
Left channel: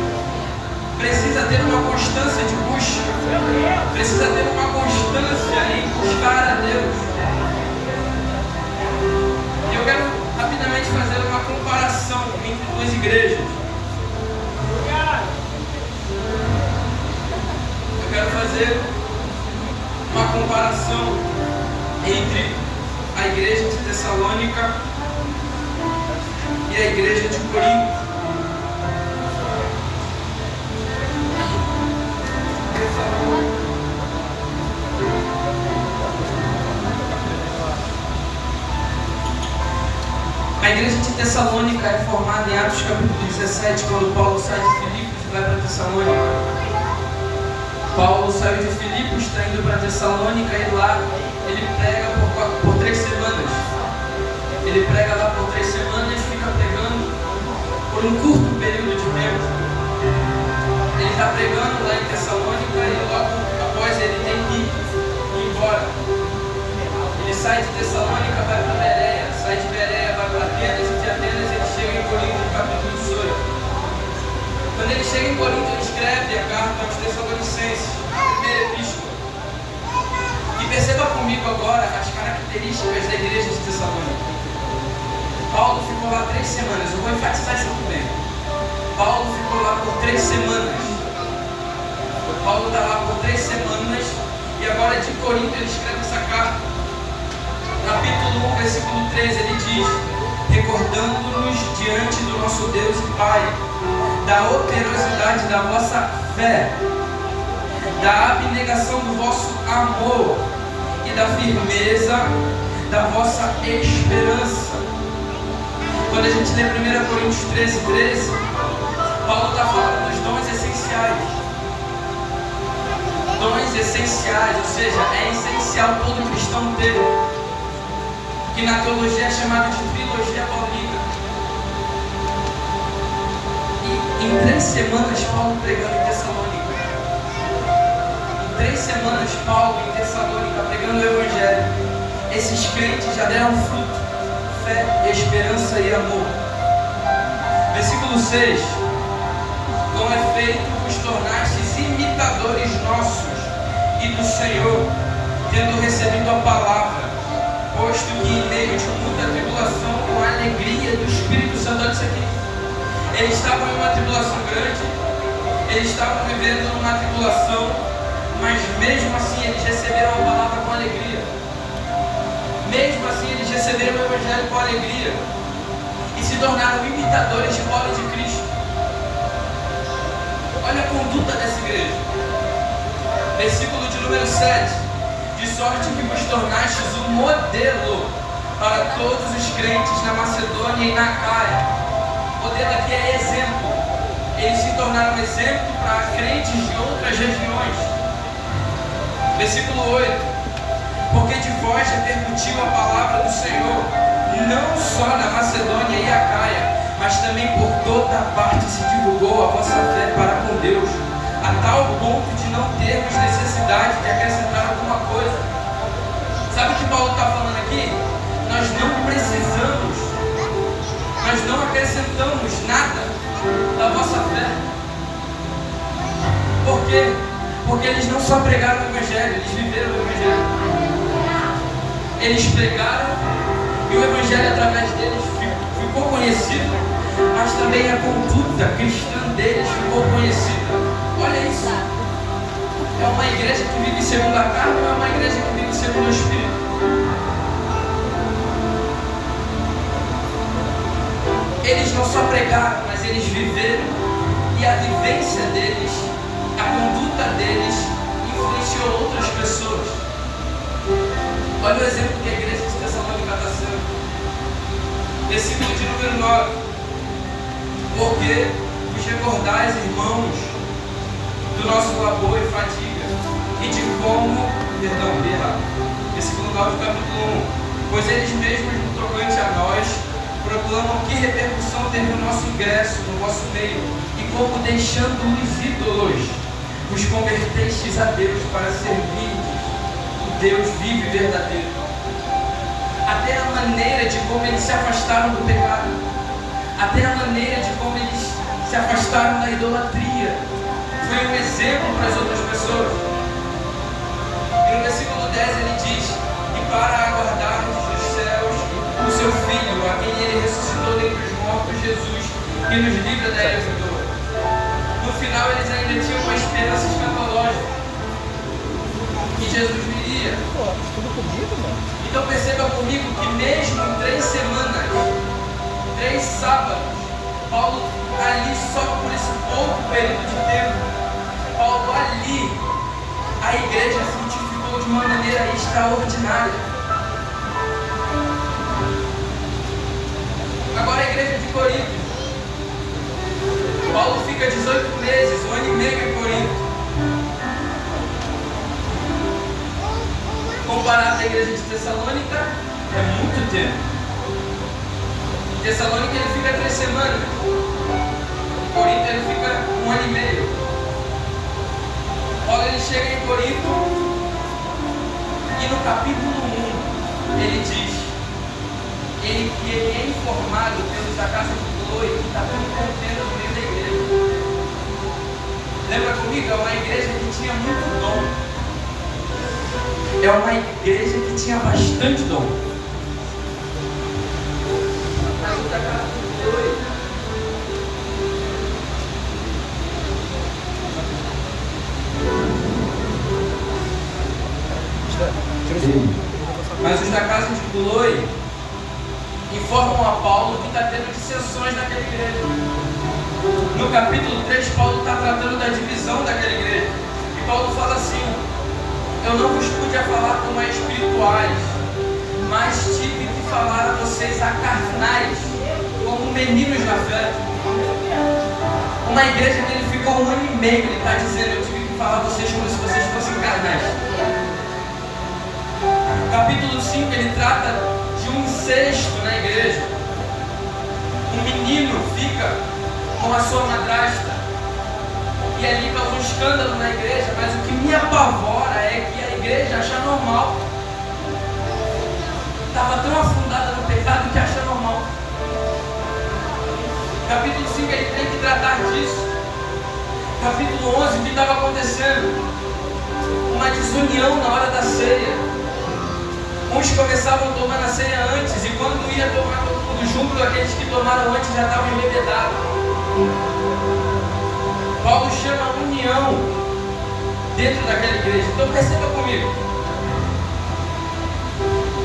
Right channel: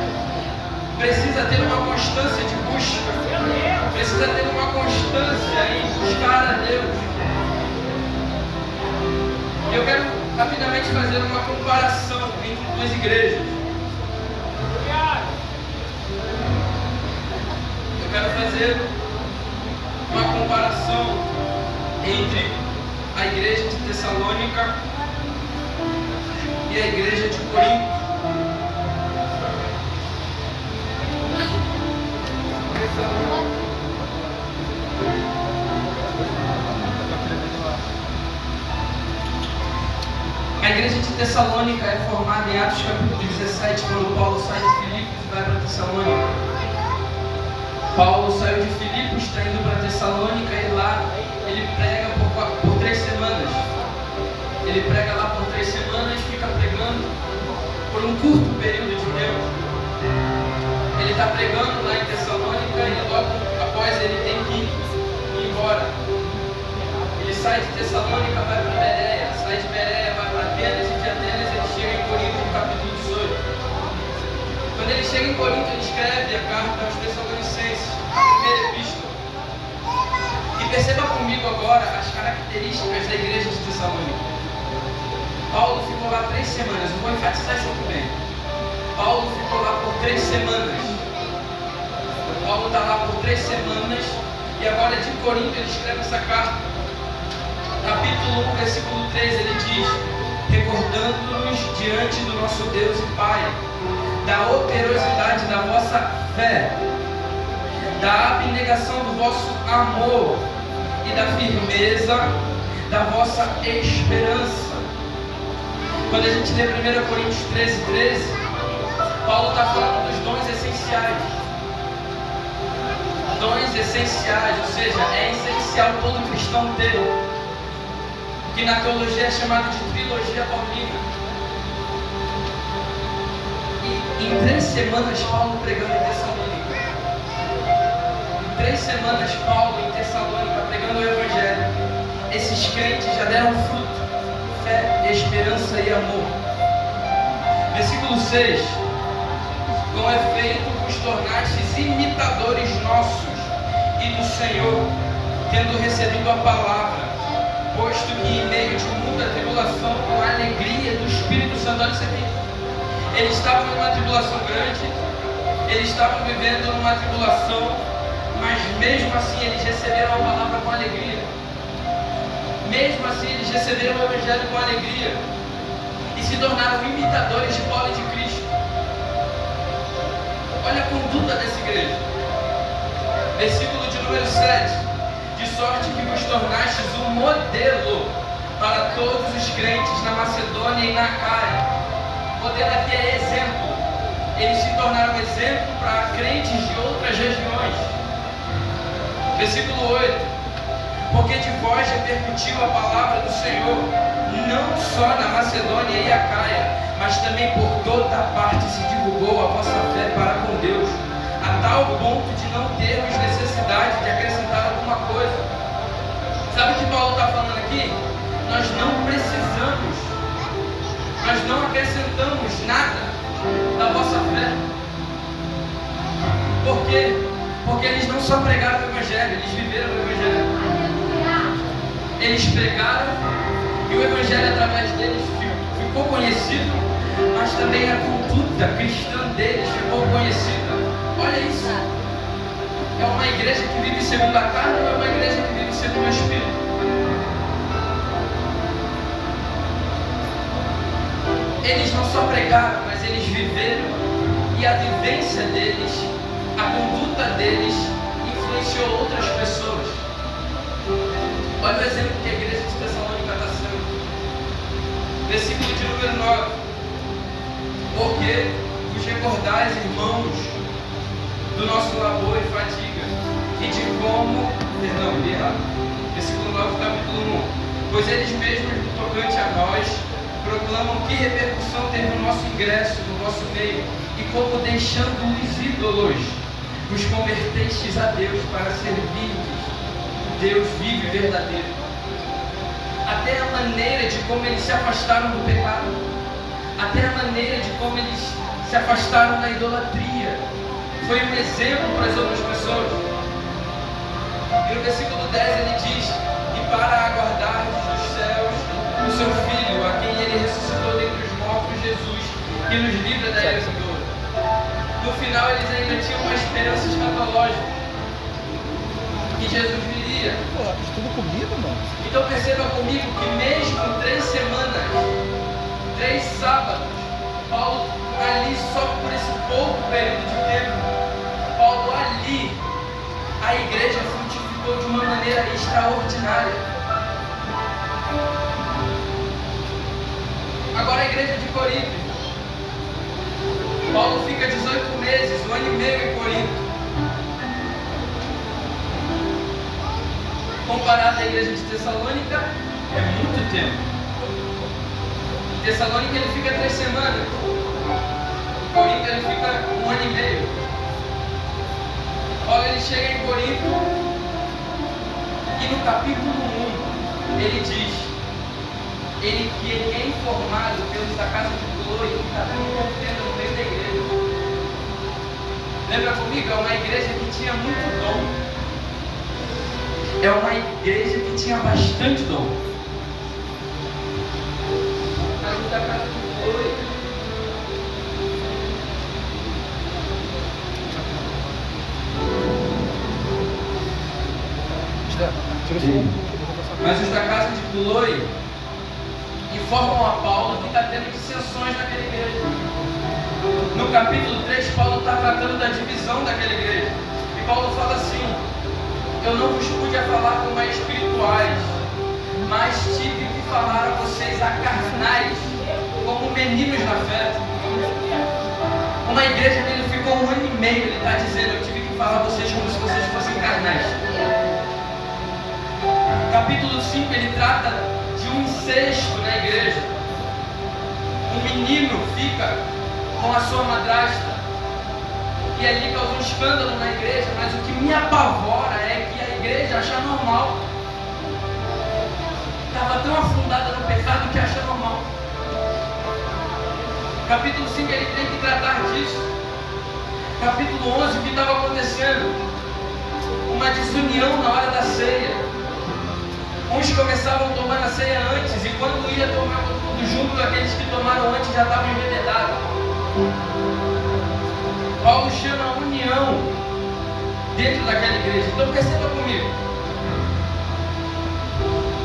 Precisa ter uma constância de busca, precisa ter uma constância em buscar a Deus. Eu quero rapidamente fazer uma comparação entre 2 igrejas. Eu quero fazer uma comparação entre a igreja de Tessalônica e a igreja de Corinto. A igreja de Tessalônica é formada em Atos capítulo 17, quando Paulo sai de Filipos e vai para Tessalônica. Paulo saiu de Filipos, está indo para Tessalônica, e lá ele prega por 3 semanas. Ele prega lá por 3 semanas e fica pregando por um curto período de tempo. Ele está pregando lá em Tessalônica e logo após ele tem que ir embora. Ele sai de Tessalônica, vai para Bereia, sai de Bereia, vai para Atenas, e de Atenas ele chega em Corinto, no capítulo 18. Quando ele chega em Corinto, ele escreve a carta aos Tessalonicenses, a primeira epístola. E perceba comigo agora as características da igreja de Tessalônica. Paulo ficou lá 3 semanas, eu vou enfatizar isso aqui bem. Paulo ficou lá por 3 semanas. Paulo está lá por 3 semanas, e agora de Corinto ele escreve essa carta. Capítulo 1, versículo 13, ele diz: recordando-nos diante do nosso Deus e Pai, da operosidade da vossa fé, da abnegação do vosso amor e da firmeza da vossa esperança. Quando a gente lê 1 Coríntios 13, Paulo está falando dos dons essenciais. Dons essenciais, ou seja, é essencial todo cristão ter, que na teologia é chamado de trilogia paulina. Em 3 semanas, Paulo pregando em Tessalônica. Em 3 semanas, Paulo em Tessalônica pregando o Evangelho. Esses crentes já deram fruto: fé, esperança e amor. Versículo 6: com efeito vos tornastes imitadores nossos e do Senhor, tendo recebido a palavra, posto que em meio de muita tribulação, com a alegria do Espírito Santo. Olha isso aqui. Eles estavam em uma tribulação grande, eles estavam vivendo numa tribulação, mas mesmo assim eles receberam a palavra com alegria. Mesmo assim eles receberam o Evangelho com alegria e se tornaram imitadores de bola de Cristo. Olha a conduta dessa igreja. Versículo de número 7: de sorte que vos tornastes um modelo para todos os crentes na Macedônia e na Acaia. Modelo aqui é exemplo. Eles se tornaram exemplo para crentes de outras regiões. Versículo 8: porque de vós repercutiu a palavra do Senhor, não só na Macedônia e Acaia, mas também por toda parte se divulgou a vossa fé para com Deus, a tal ponto de não termos necessidade de acrescentar alguma coisa. Sabe o que Paulo está falando aqui? Nós não precisamos, nós não acrescentamos nada da vossa fé. Por quê? Porque eles não só pregaram o Evangelho, eles viveram o Evangelho. Eles pregaram e o Evangelho através deles ficou conhecido, mas também a conduta cristã deles ficou conhecida. Olha isso. É uma igreja que vive segundo a carne ou é uma igreja que vive segundo o Espírito? Eles não só pregaram, mas eles viveram, e a vivência deles, a conduta deles influenciou outras pessoas. Olha o exemplo que a igreja de Tessalônica está sendo. Versículo de número 9: porque vos recordais, irmãos, do nosso labor e fadiga, e de como, versículo 9 capítulo 1: pois eles mesmos, no tocante a nós, proclamam que repercussão teve o nosso ingresso no vosso meio, e como deixando os ídolos, vos convertestes a Deus para servirdes o Deus vivo e verdadeiro. Até a maneira de como eles se afastaram do pecado, até a maneira de como eles se afastaram da idolatria, foi um exemplo para as outras pessoas. E no versículo 10 ele diz: e para aguardar dos céus o seu Filho, a quem ele ressuscitou dentre os mortos, Jesus, que nos livra da era vindoura. No final eles ainda tinham uma esperança escatológica, que Jesus viria. Estuda comigo, mano. Então perceba comigo que mesmo em 3 semanas, 3 sábados, Paulo ali, só por esse pouco período de tempo, Paulo ali, a igreja frutificou de uma maneira extraordinária. Agora a igreja de Corinto, Paulo fica 18 meses, 1 ano e meio em Corinto. Comparado à igreja de Tessalônica, é muito tempo. Em Tessalônica ele fica 3 semanas. Em Corinto ele fica 1 ano e meio. Paulo ele chega em Corinto e no capítulo 1 ele diz: ele que é informado pelos da casa de Chloe que está tendo contenda no meio da igreja. Lembra comigo? É uma igreja que tinha muito dom. É uma igreja que tinha bastante dom. Mas o da casa de Chloe, mas os da casa de Chloe informam a Paulo que está tendo dissensões naquela igreja. No capítulo 3, Paulo está tratando da divisão daquela igreja. E Paulo fala assim: eu não vos pude falar como a espirituais, mas tive que falar a vocês a carnais, como meninos na fé. Uma igreja que ele ficou 1 ano e meio, ele está dizendo: eu tive que falar a vocês como se vocês fossem carnais. Capítulo 5, ele trata de um incesto na igreja. Um menino fica com a sua madrasta. E ali causou um escândalo na igreja, mas o que me apavora é que a igreja acha normal. Estava tão afundada no pecado que acha normal. Capítulo 5 ele tem que tratar disso. Capítulo 11, o que estava acontecendo? Uma desunião na hora da ceia. Uns começavam a tomar a ceia antes, e quando ia tomar junto, aqueles que tomaram antes já estavam embebedados. Paulo chama a união dentro daquela igreja. Então perceba comigo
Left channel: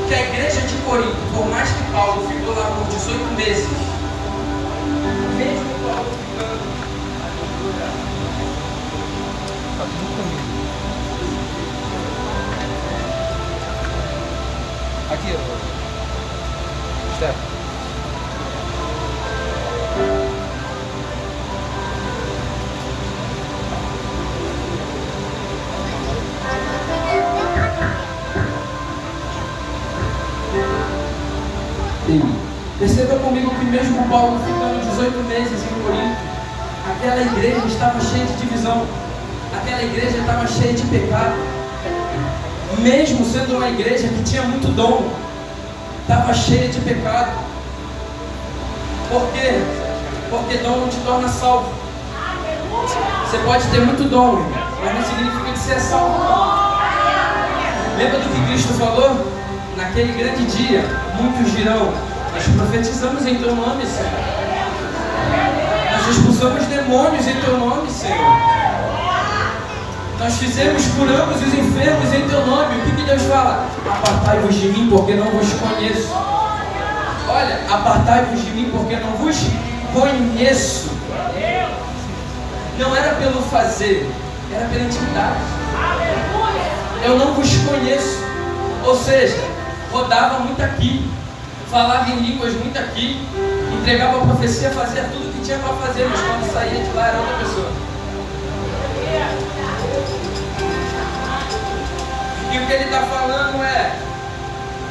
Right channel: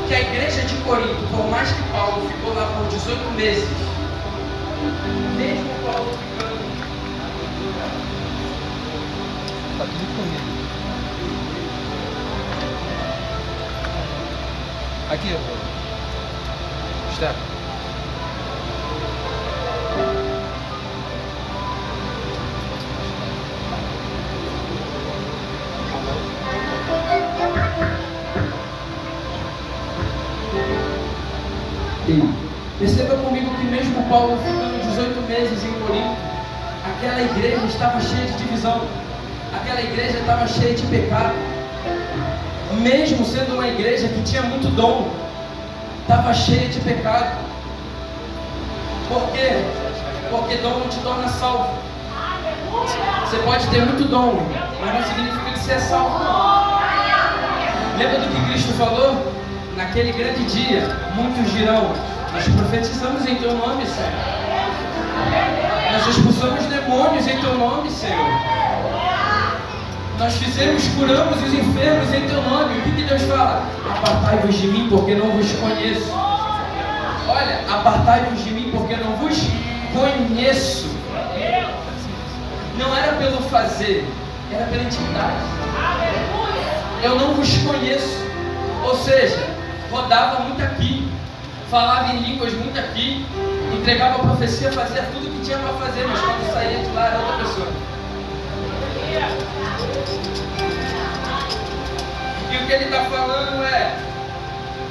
que a igreja de Corinto, por mais que Paulo ficou lá por 18 meses, mesmo Paulo ficando, Tá tudo comigo. Aqui, Stefano. Perceba comigo que mesmo Paulo ficando 18 meses em Corinto, aquela igreja estava cheia de divisão, aquela igreja estava cheia de pecado. Mesmo sendo uma igreja que tinha muito dom, estava cheia de pecado. Por quê? Porque dom não te torna salvo. Você pode ter muito dom, mas não significa que você é salvo. Lembra do que Cristo falou? Naquele grande dia, muitos dirão: nós profetizamos em teu nome, Senhor. Nós expulsamos demônios em teu nome, Senhor. Nós curamos os enfermos em teu nome. O que Deus fala? Apartai-vos de mim, porque não vos conheço. Olha, apartai-vos de mim, porque não vos conheço. Não era pelo fazer, era pela intimidade. Eu não vos conheço. Ou seja, rodava muito aqui, falava em línguas muito aqui, entregava a profecia, fazia tudo o que tinha para fazer, mas quando saía de lá era outra pessoa. E o que ele está falando é:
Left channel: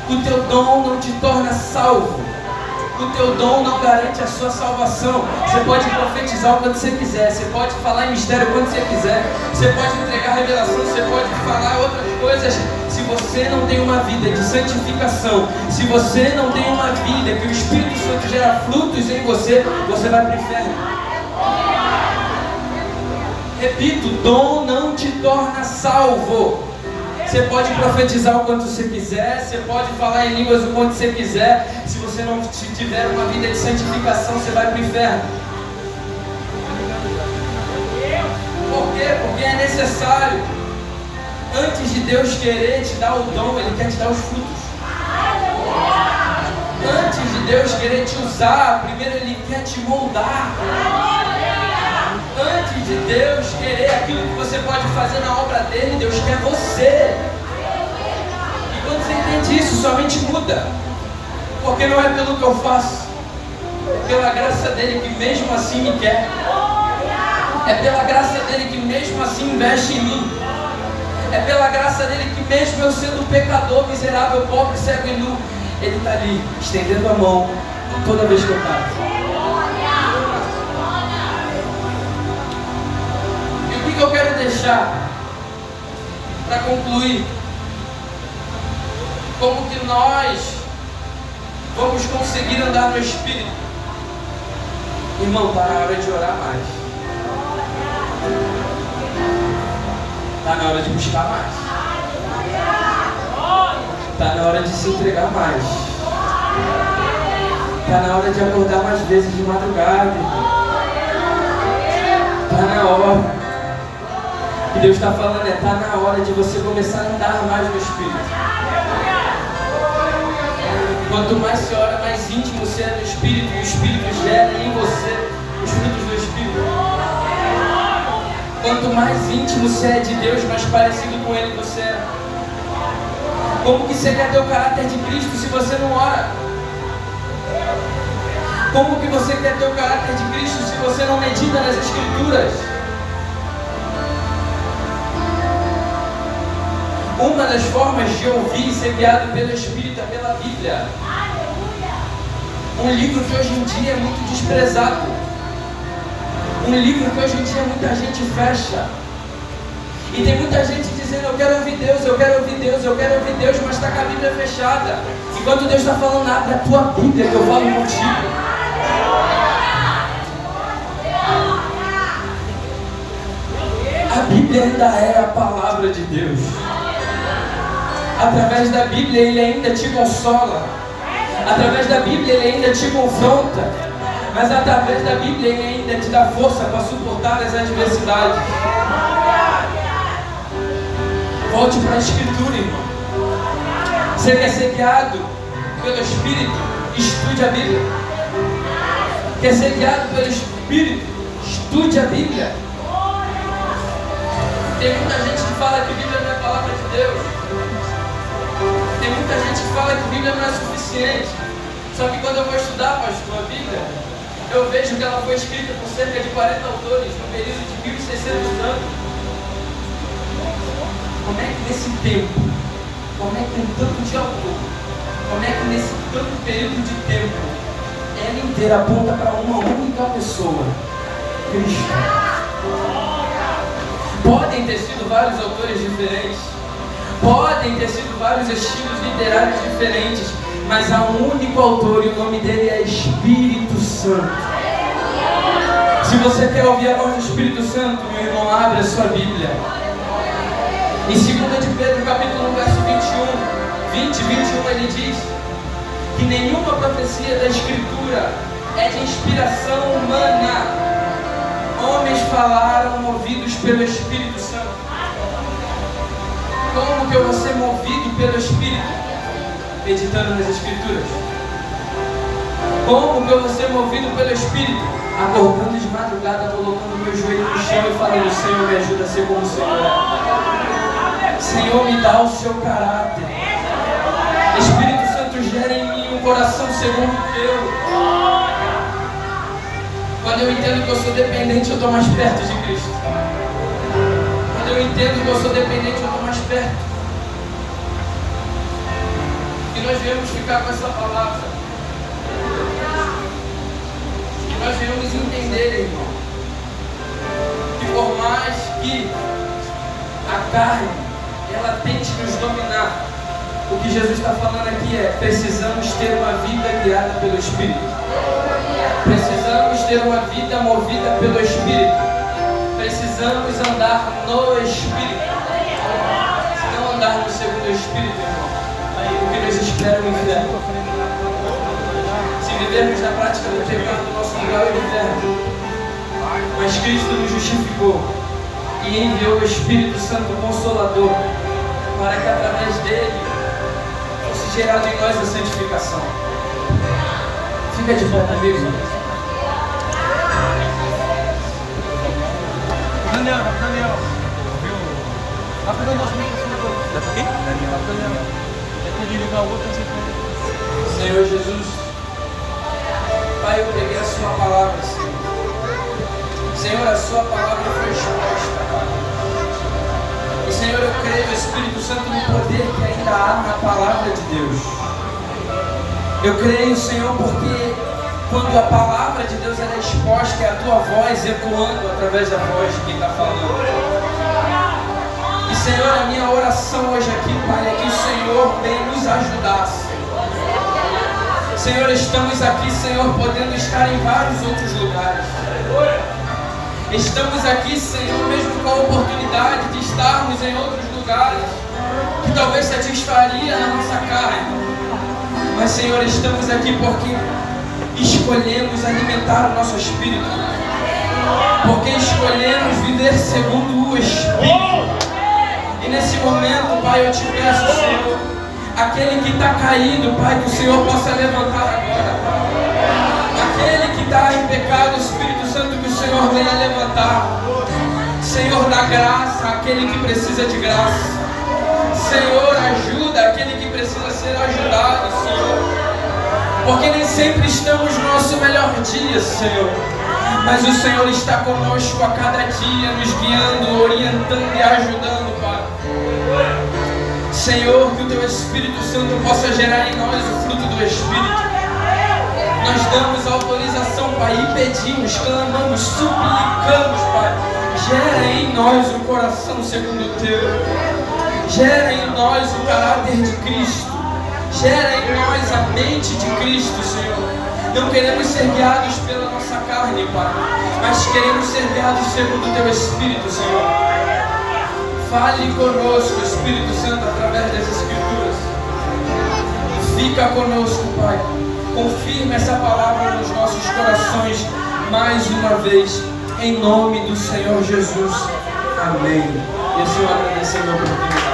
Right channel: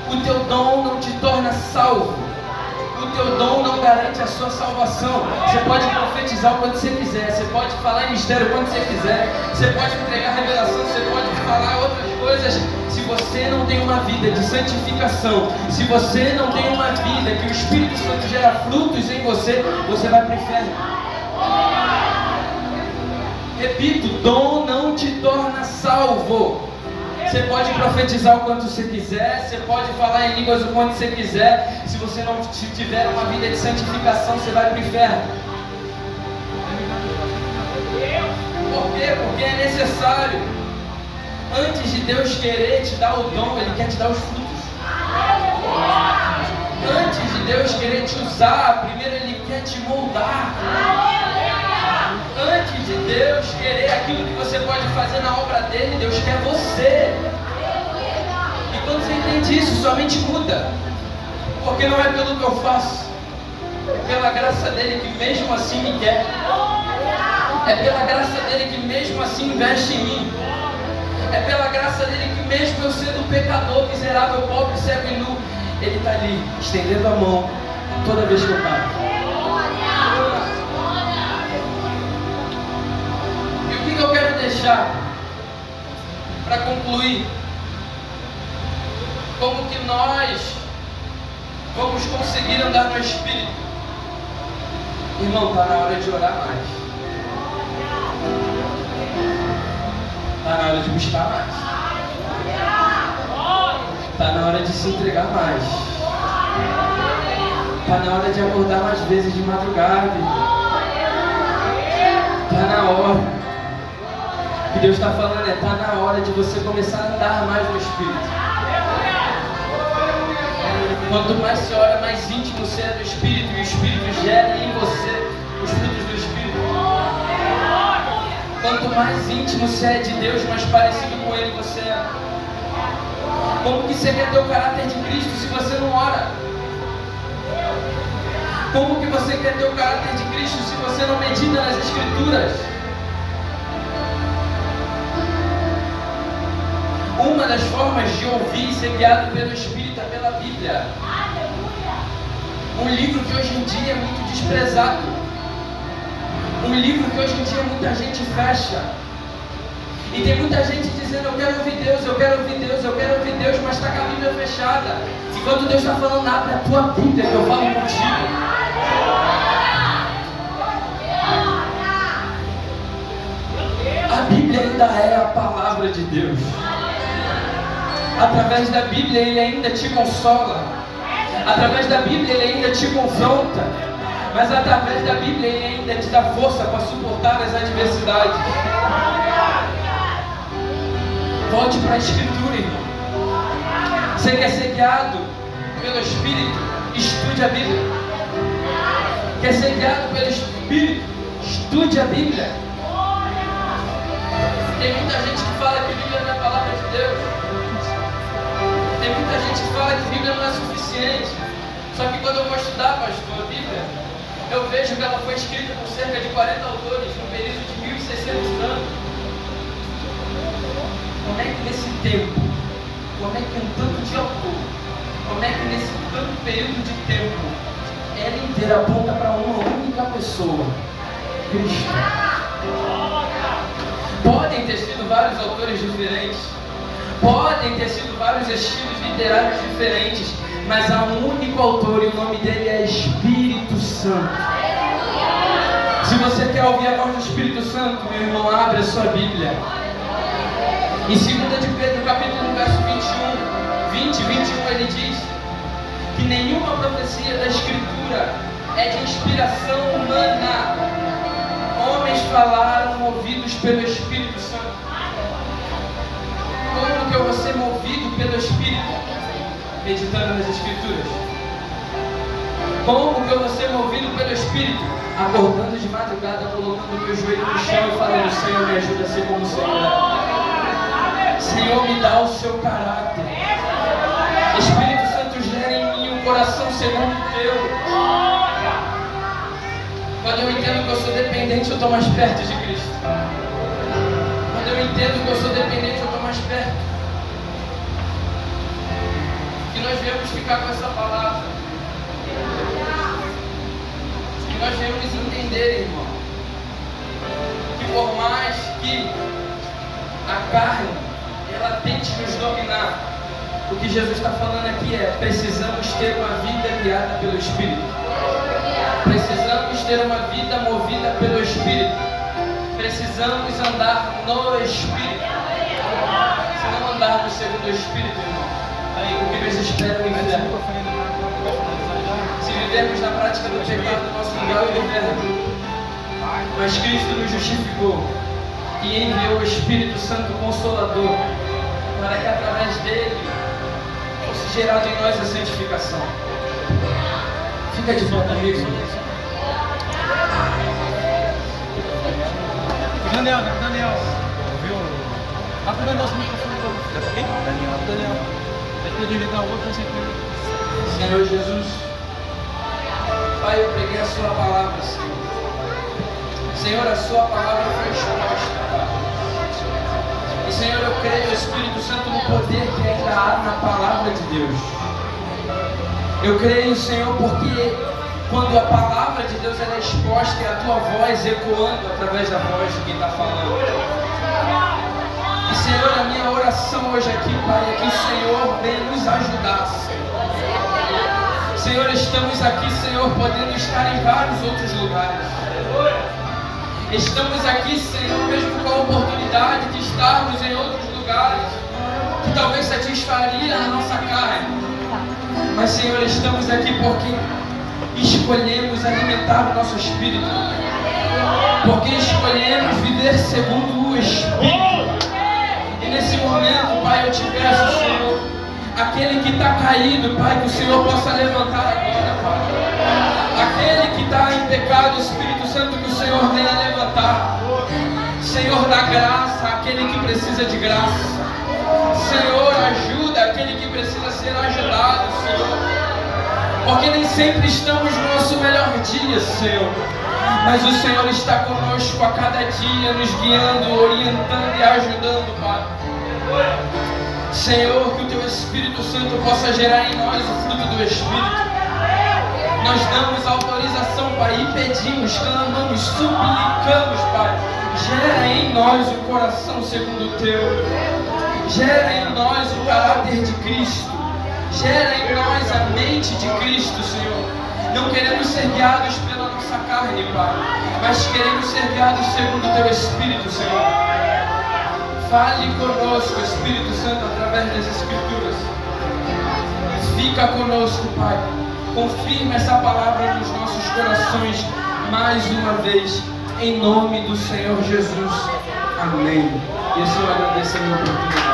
o teu dom não te torna salvo, o teu dom não garante a sua salvação. Você pode profetizar quando você quiser, você pode falar em mistério quando você quiser, você pode entregar revelação, você pode falar outras coisas. Se você não tem uma vida de santificação, se você não tem uma vida que o Espírito Santo gera frutos em você, você vai para o inferno. Repito, dom não te torna salvo. Você pode profetizar o quanto você quiser, você pode falar em línguas o quanto você quiser. Se você não tiver uma vida de santificação, você vai para o inferno. Por quê? Porque é necessário. Antes de Deus querer te dar o dom, Ele quer te dar os frutos. Antes de Deus querer te usar, primeiro Ele quer te moldar. Antes de Deus querer aquilo que você pode fazer na obra dele, Deus quer você. E quando você entende isso, sua mente muda. Porque não é pelo que eu faço, é pela graça dele que mesmo assim me quer. É pela graça dele que mesmo assim investe em mim. É pela graça dele que mesmo eu sendo pecador, miserável, pobre, cego e nu, ele está ali, estendendo a mão toda vez que eu caio. E o que eu quero deixar para concluir? Como que nós vamos conseguir andar no Espírito? Irmão, está na hora de orar mais. Está na hora de buscar mais. Está na hora de se entregar mais. Está na hora de acordar mais vezes de madrugada. Está na hora. O que Deus está falando é: está na hora de você começar a andar mais no Espírito. Quanto mais você ora, mais íntimo você é do Espírito, e o Espírito gera em você os frutos do Espírito. Quanto mais íntimo você é de Deus, mais parecido com Ele você é. Como que você quer ter o caráter de Cristo se você não ora? Como que você quer ter o caráter de Cristo se você não medita nas Escrituras? Uma das formas de ouvir e ser guiado pelo Espírito é pela Bíblia. Um livro que hoje em dia é muito desprezado. Um livro que hoje em dia muita gente fecha. E tem muita gente dizendo, eu quero ouvir Deus, eu quero ouvir Deus, eu quero ouvir Deus, mas está com a Bíblia fechada. Enquanto Deus está falando, abre a tua Bíblia que eu falo contigo. A Bíblia ainda é a palavra de Deus. Através da Bíblia Ele ainda te consola. Através da Bíblia Ele ainda te confronta. Mas através da Bíblia Ele ainda te dá força para suportar as adversidades. Volte para a Escritura, irmão. Você quer ser guiado pelo Espírito? Estude a Bíblia. Quer ser guiado pelo Espírito? Estude a Bíblia. Tem muita gente que fala que a Bíblia não é a palavra de Deus. Tem muita gente que fala que a Bíblia não é suficiente. Só que quando eu vou estudar, pastor, a Bíblia, eu vejo que ela foi escrita por cerca de 40 autores, num período de 1.600 anos. Como é que nesse tempo, como é que um tanto de autor, como é que nesse tanto período de tempo, ela inteira aponta para uma única pessoa, Cristo? Podem ter sido vários autores diferentes, podem ter sido vários estilos literários diferentes, mas há um único autor e o nome dele é Espírito Santo. Se você quer ouvir a voz do Espírito Santo, meu irmão, abre a sua Bíblia. Em 2 de Pedro, capítulo 1, verso 20 e 21, ele diz que nenhuma profecia da Escritura é de inspiração humana. Homens falaram movidos pelo Espírito Santo. Como que eu vou ser movido pelo Espírito? Meditando nas Escrituras. Como que eu vou ser movido pelo Espírito? Acordando de madrugada, colocando meu joelho no chão e falando, Senhor, me ajuda a ser como o Senhor. Senhor, me dá o seu caráter. Espírito Santo, gera em mim um coração segundo o teu. Quando eu entendo que eu sou dependente, eu estou mais perto de Cristo. Quando eu entendo que eu sou dependente, eu estou mais perto. E nós viemos ficar com essa palavra. E nós viemos entender, irmão, que por mais que a carne ela tente nos dominar, o que Jesus está falando aqui é: precisamos ter uma vida guiada pelo Espírito. Precisamos ter uma vida movida pelo Espírito. Precisamos andar no Espírito. Se não andarmos segundo o Espírito, irmão, o que nos espera é o inferno. Se vivermos na prática do pecado, nosso lugar é o inferno. Mas Cristo nos justificou e enviou o Espírito Santo Consolador, para que através dele fosse gerado em nós a santificação. Fica de pé comigo. Daniel. Rápido, nosso microfone. Quem? Daniel. Depois de ligar o outro, não sei como. Senhor Jesus, Pai, eu preguei a sua palavra, Senhor. Senhor, a sua palavra foi exposta, Pai. E Senhor, eu creio, Espírito Santo, no poder que ainda há na palavra de Deus. Eu creio, Senhor, porque quando a palavra de Deus ela é exposta, é a tua voz ecoando através da voz de quem está falando. E Senhor, a minha oração hoje aqui, Pai, é que o Senhor venha nos ajudar, Senhor. Senhor, estamos aqui, Senhor, podendo estar em vários outros lugares. Estamos aqui, Senhor, mesmo com a oportunidade de estarmos em outros lugares que talvez satisfaria a nossa carne. Mas, Senhor, estamos aqui porque escolhemos alimentar o nosso espírito, porque escolhemos viver segundo o Espírito. E nesse momento, Pai, eu te peço, Senhor, aquele que está caído, Pai, que o Senhor possa levantar agora, Pai. Aquele que está em pecado, Espírito Santo, que o Senhor venha levantar. Senhor, dá graça àquele que precisa de graça. Senhor, ajuda aquele que precisa ser ajudado, Senhor. Porque nem sempre estamos no nosso melhor dia, Senhor. Mas o Senhor está conosco a cada dia, nos guiando, orientando e ajudando, Pai. Senhor, que o Teu Espírito Santo possa gerar em nós o fruto do Espírito. Nós damos autorização, Pai, e pedimos, clamamos, suplicamos, Pai. Gera em nós o coração segundo o Teu. Gera em nós o caráter de Cristo. Gera em nós a mente de Cristo, Senhor. Não queremos ser guiados pela nossa carne, Pai, mas queremos ser guiados segundo o Teu Espírito, Senhor. Fale conosco, Espírito Santo, através das Escrituras. Fica conosco, Pai. Confirma essa palavra nos nossos corações mais uma vez, em nome do Senhor Jesus. Amém. E o Senhor agradeceu a minha oportunidade.